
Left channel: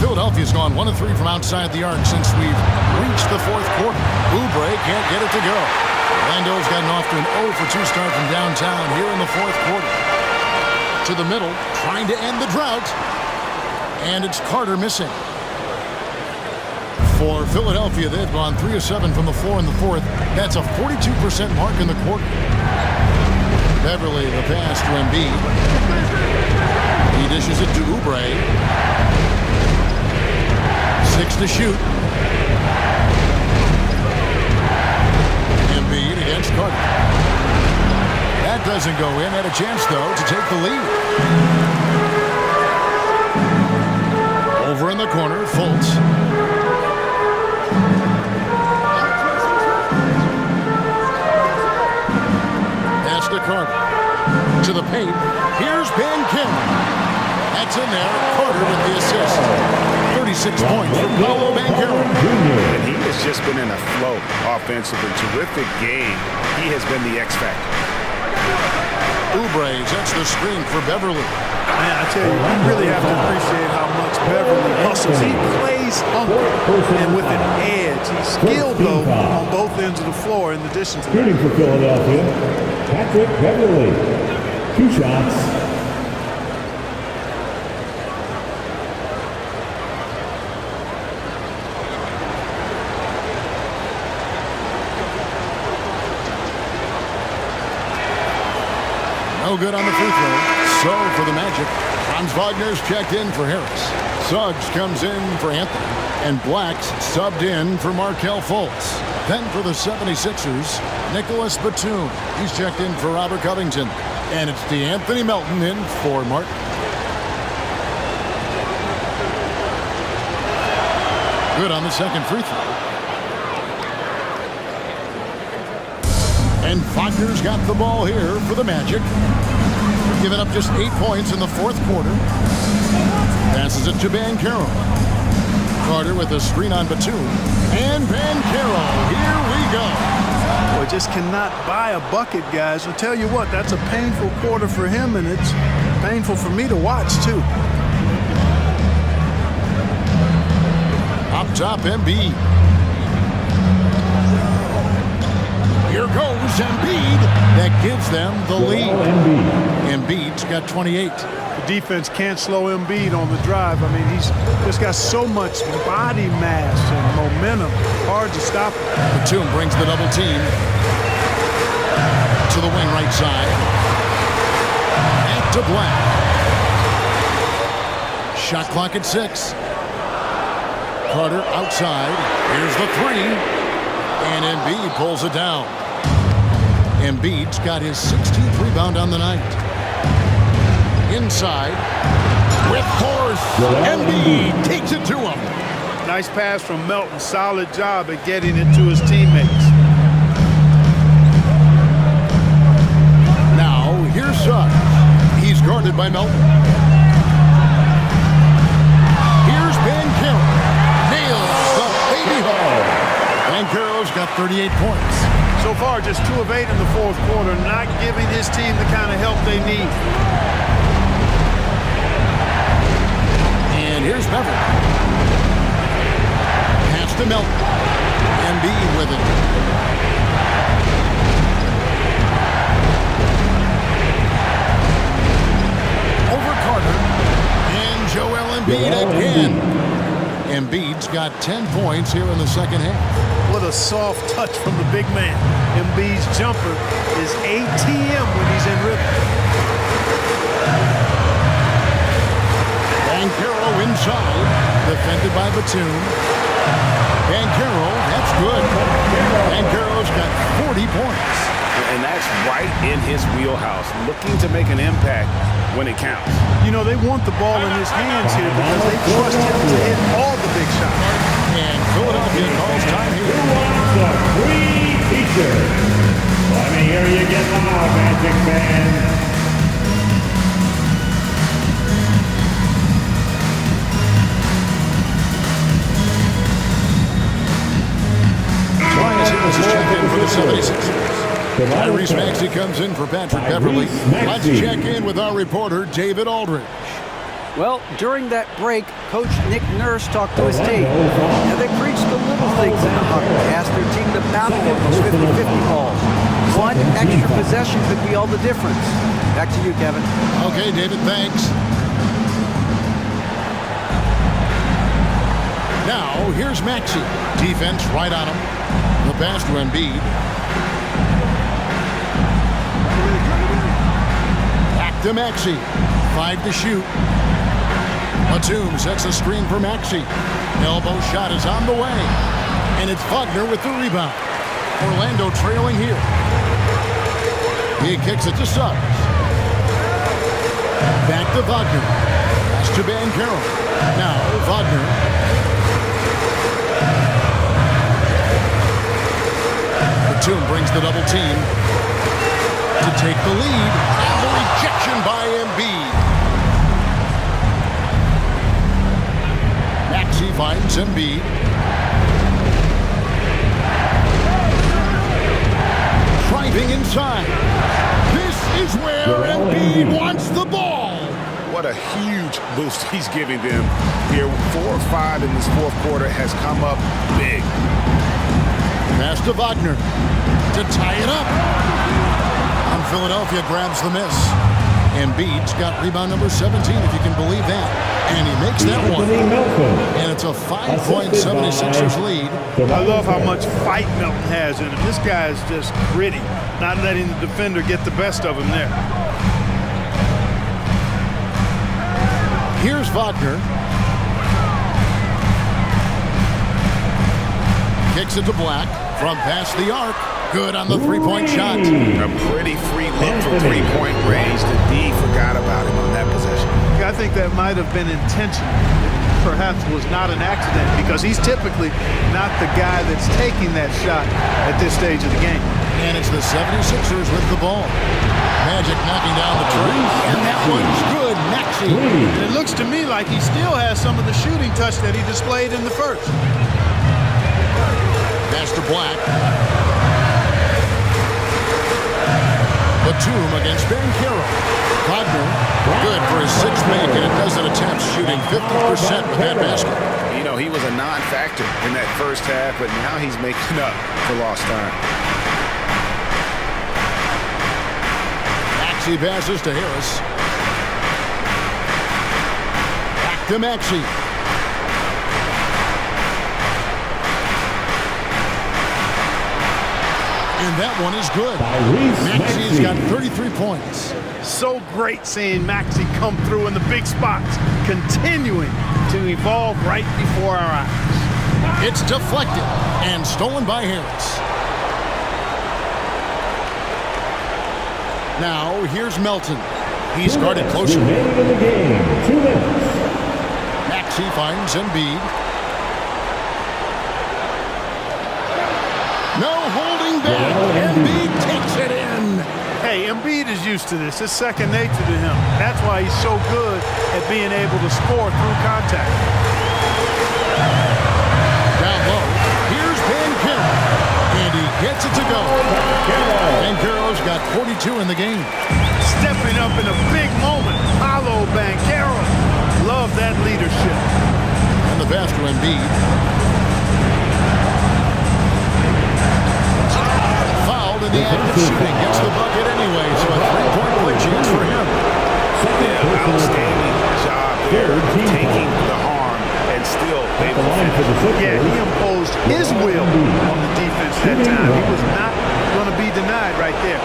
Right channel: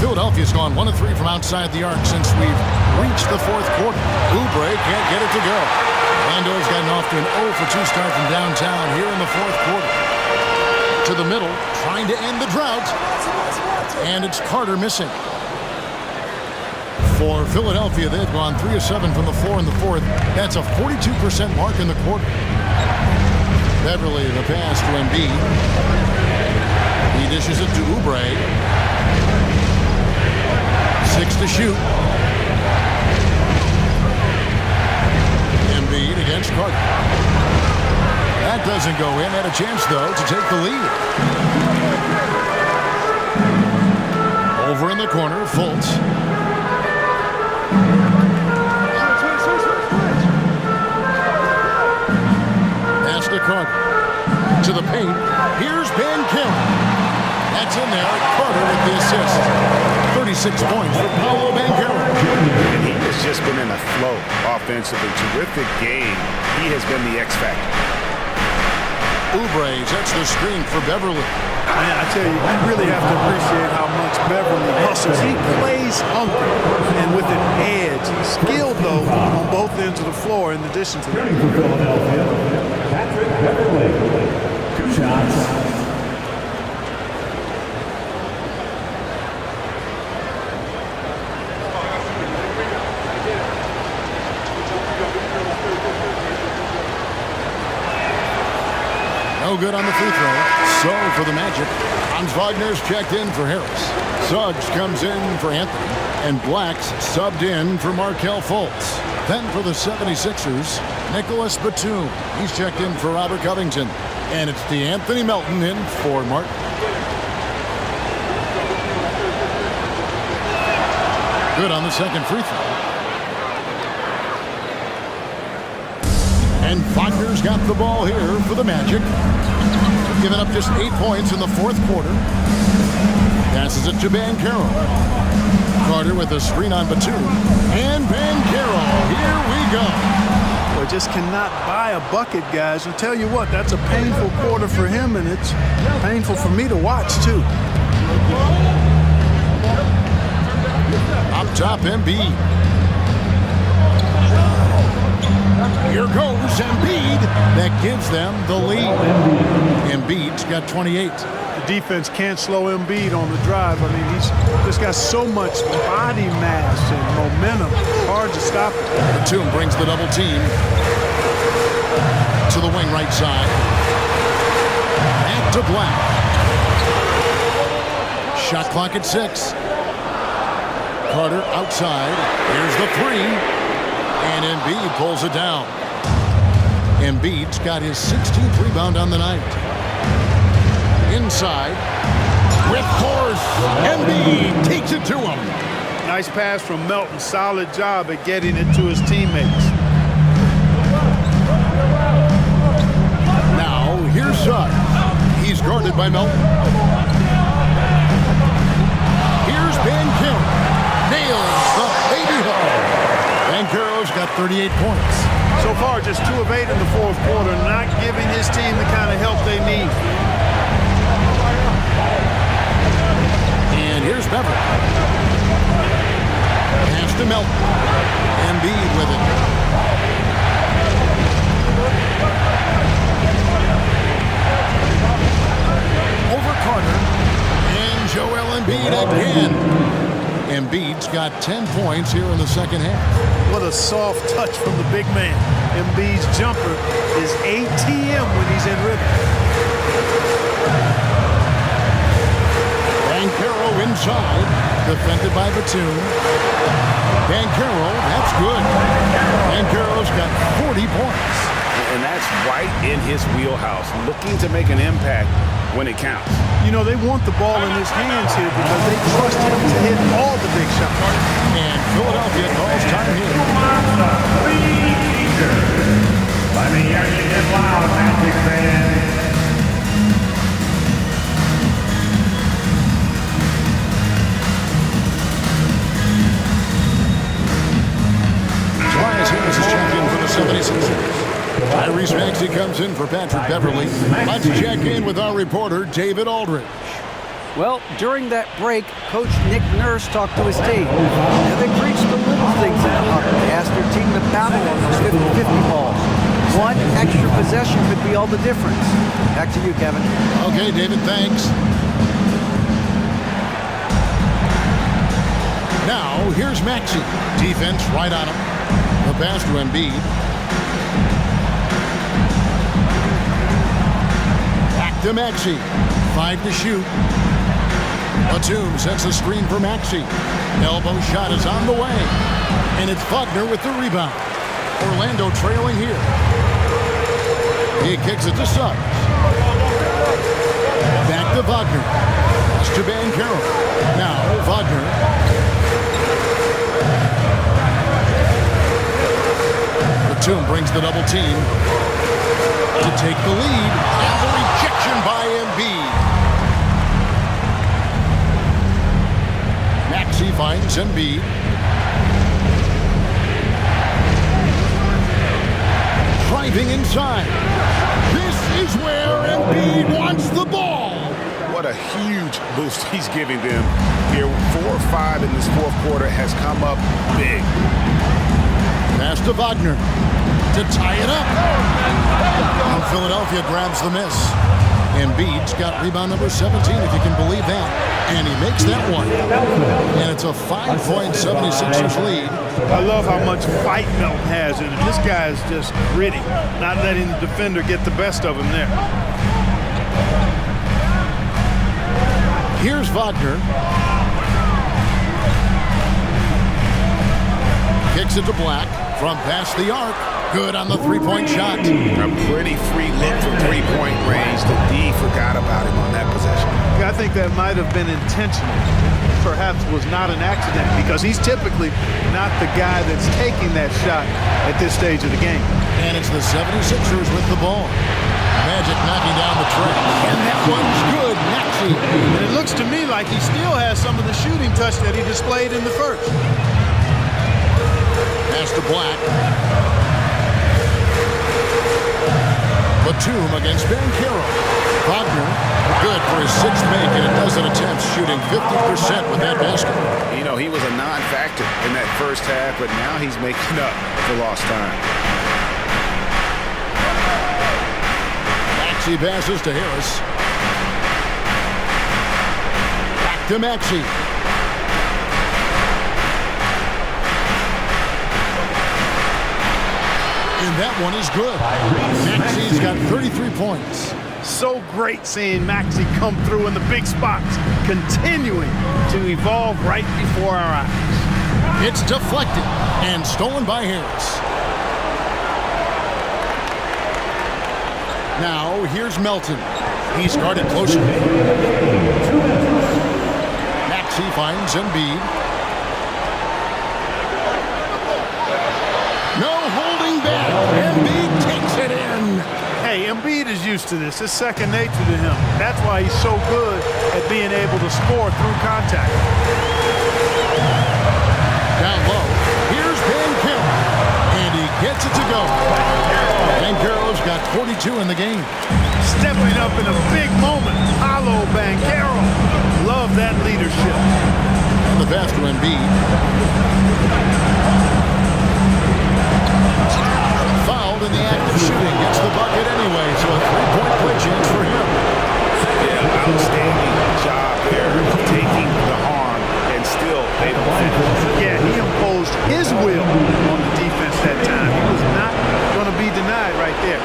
Philadelphia's gone 1 of 3 from outside the arc since we've reached the 4th quarter. Oubre can't get it to go. Orlando's gotten off to an 0 for 2 start from downtown here in the 4th quarter. To the middle, trying to end the drought. And it's Carter missing. For Philadelphia, they've gone 3 of 7 from the floor in the 4th. That's a 42% mark in the quarter. Beverly, the pass to Embiid. He dishes it to Oubre. 6 to shoot. Embiid against Carter. That doesn't go in. Had a chance, though, to take the lead. Over in the corner, Fultz. Pass to Carter. To the paint. Here's Banchero. That's in there. Carter with the assist. 36 points for Paolo Banchero. And he has just been in a flow offensively. Terrific game. He has been the X factor. Oubre sets the screen for Beverly. Man, I tell you, you really have to appreciate how much Beverly hustles. He plays hungry and with an edge. He's skilled, though, on both ends of the floor in addition to that. Shooting for Philadelphia, Patrick Beverly. 2 shots. No good on the free throw. So for the Magic, Franz Wagner's checked in for Harris. Suggs comes in for Anthony. And Black's subbed in for Markelle Fultz. Then for the 76ers, Nicholas Batum. He's checked in for Robert Covington. And it's DeAnthony Melton in for Martin. Good on the second free throw. And Wagner's got the ball here for the Magic. Giving up just 8 points in the fourth quarter. Passes it to Banchero. Carter with a screen on Batum. And Banchero, here we go. Boy, just cannot buy a bucket, guys. I'll tell you what, that's a painful quarter for him, and it's painful for me to watch, too. Up top, Embiid. Here goes Embiid. That gives them the lead. Embiid's got 28. The defense can't slow Embiid on the drive. I mean, he's just got so much body mass and momentum. Hard to stop him. Batum brings the double team to the wing right side. Back to Black. Shot clock at 6. Carter outside. Here's the 3. And Embiid pulls it down. Embiid's got his 16th rebound on the night. Inside. With force. Embiid takes it to him. Nice pass from Melton. Solid job at getting it to his teammates. Now, here's Suggs. He's guarded by Melton. Here's Banchero. Nails the baby hook. Banchero's got 38 points. So far, just 2 of 8 in the fourth quarter, not giving his team the kind of help they need. And here's Beverly. Pass to Melton. Embiid with it. Over Carter. And Joel Embiid again. Embiid's got 10 points here in the second half. What a soft touch from the big man. Embiid's jumper is ATM when he's in rhythm. Banchero inside, defended by Batum. Banchero, that's good. Banchero's got 40 points. And that's right in his wheelhouse, looking to make an impact when it counts. You know, they want the ball in his hands here because they trust him to hit all the big shots. And Philadelphia calls time here. Who wants the free t-shirt? Let me hear you get loud, Magic fans. Tobias Harris is checked in for the 76ers. Tyrese Maxey comes in for Patrick Beverly. Let's check in with our reporter, David Aldridge. Well, during that break, Coach Nick Nurse talked to his team. Now, they preached the little things in the huddle. They asked their team to battle on those 50-50 balls. One extra possession could be all the difference. Back to you, Kevin. Okay, David, thanks. Now, here's Maxey. Defense right on him. The pass to Embiid. Back to Maxey. 5 to shoot. Batum sets a screen for Maxey. Elbow shot is on the way. And it's Wagner with the rebound. Orlando trailing here. He kicks it to Suggs. Back to Wagner. Pass to Banchero. Now Wagner. Batum brings the double team to take the lead. And the rejection by Embiid. Maxey finds Embiid. Driving inside. This is where Embiid wants the ball. What a huge boost he's giving them here. 4 or 5 in this fourth quarter has come up big. Pass to Wagner to tie it up. And Philadelphia grabs the miss. Embiid's got rebound number 17, if you can believe that. And he makes that one. And it's a 5-point 76ers lead. I love how much fight Melton has in him. This guy is just gritty, not letting the defender get the best of him there. Here's Wagner. Kicks it to Black from past the arc. Good on the three-point shot. A pretty free look from three-point range. The D forgot about him on that possession. I think that might have been intentional. It perhaps was not an accident because he's typically not the guy that's taking that shot at this stage of the game. And it's the 76ers with the ball. Magic knocking down the tray. And that one's good. Maxey. And it looks to me like he still has some of the shooting touch that he displayed in the first. Pass to Black. Batum against Banchero. Wagner, good for his 6th make, and a dozen attempts, shooting 50% with that basket. You know, he was a non-factor in that first half, but now he's making up for lost time. Maxey passes to Harris. Back to Maxey. And that one is good. Maxey's got 33 points. So great seeing Maxey come through in the big spots, continuing to evolve right before our eyes. It's deflected and stolen by Harris. Now here's Melton. He's guarded closely. Maxey finds Embiid. No holding back. Embiid takes it in. Hey, Embiid is used to this. It's second nature to him. That's why he's so good at being able to score through contact. Down low, here's Banchero. And he gets it to go. Banchero's got 42 in the game. Stepping up in a big moment. Paulo Banchero. Love that leadership. And the pass to Embiid. Fouled in the act of shooting. Gets the bucket anyway, so a 3-point play chance for him. Yeah, outstanding job there of taking the harm and still able to finish. Yeah, he imposed his will on the defense that time. He was not going to be denied right there.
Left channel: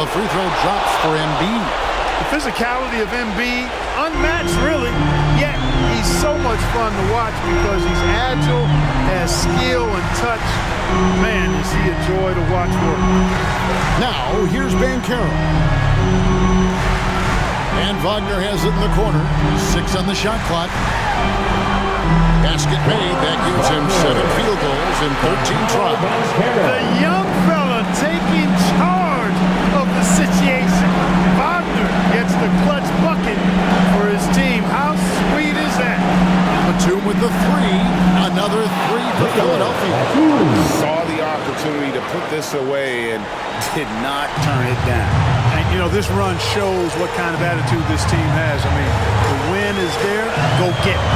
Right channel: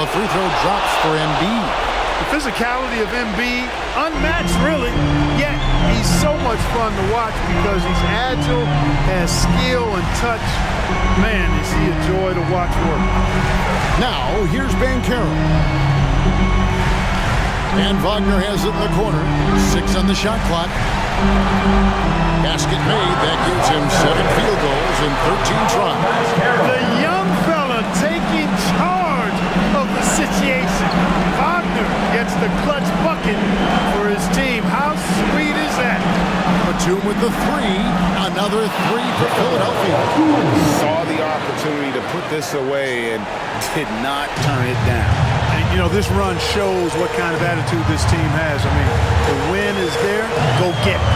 The free throw drops for Embiid. The physicality of Embiid, unmatched really, yet he's so much fun to watch because he's agile, has skill and touch. Man, is he a joy to watch work. Now, here's Banchero. And Wagner has it in the corner. 6 on the shot clock. Basket made. That gives him 7 field goals in 13 tries. The young fella taking charge of the situation. Wagner gets the clutch bucket for his team. How sweet is that? Batum with the 3. Another 3 for Philadelphia. Saw the opportunity to put this away and did not turn it down. And, you know, this run shows what kind of attitude this team has. I mean, the win is there. Go get it.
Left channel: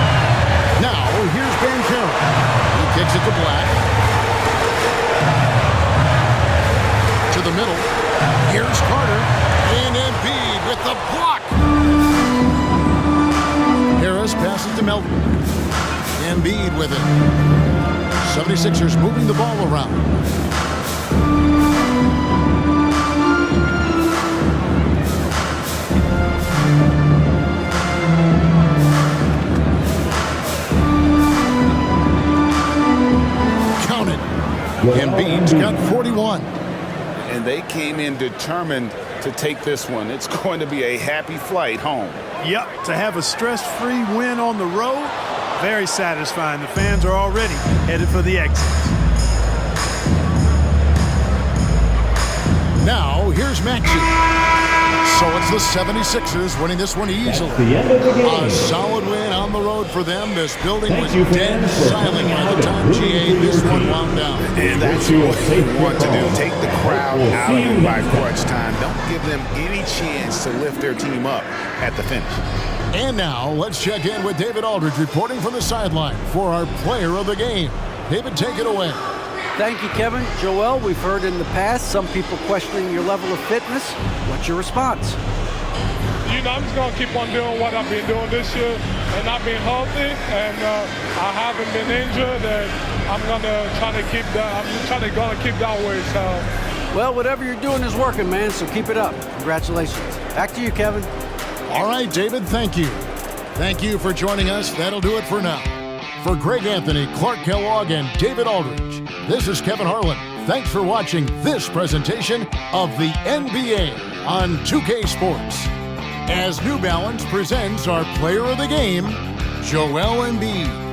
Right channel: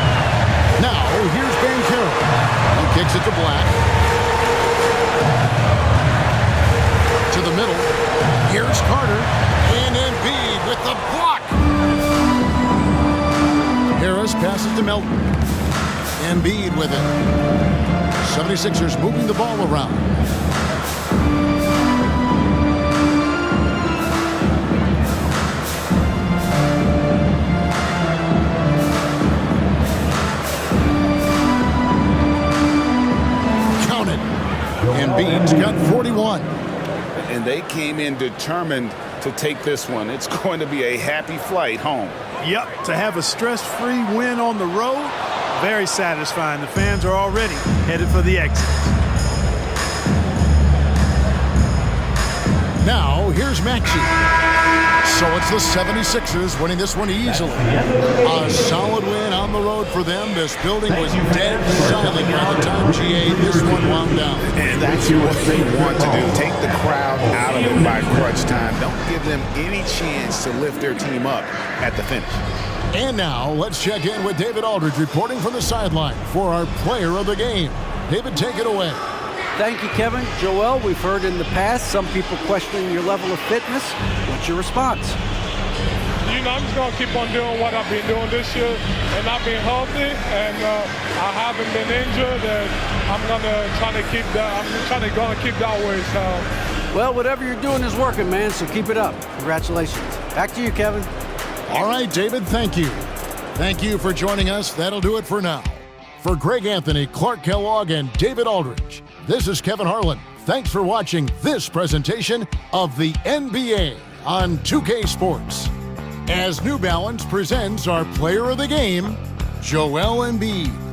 Now, here's Banchero. He kicks it to Black. To the middle. Here's Carter. And Embiid with the block. Harris passes to Melton. Embiid with it. 76ers moving the ball around. Embiid's got 41. And they came in determined to take this one. It's going to be a happy flight home. Yep, to have a stress-free win on the road, very satisfying. The fans are already headed for the exits. Now, here's Maxey. So it's the 76ers winning this one easily. A solid win on the road for them. This building was dead silent by the time GA this one wound down. And that's what you want to do. Take the crowd out of it by crunch time. Don't give them any chance to lift their team up at the finish. And now, let's check in with David Aldridge reporting from the sideline for our player of the game. David, take it away. Thank you, Kevin. Joel, we've heard in the past some people questioning your level of fitness. What's your response? I'm just going to keep on doing what I've been doing this year, and I've been healthy, and I haven't been injured, and I'm going to try to keep that. I'm keep that way. So, well, whatever you're doing is working, man, so keep it up. Congratulations. Back to you, Kevin. All right, David, thank you. Thank you for joining us. That'll do it for now. For Greg Anthony, Clark Kellogg, and David Aldridge, this is Kevin Harlan. Thanks for watching this presentation of the NBA on 2K Sports. As New Balance presents our player of the game, Joel Embiid.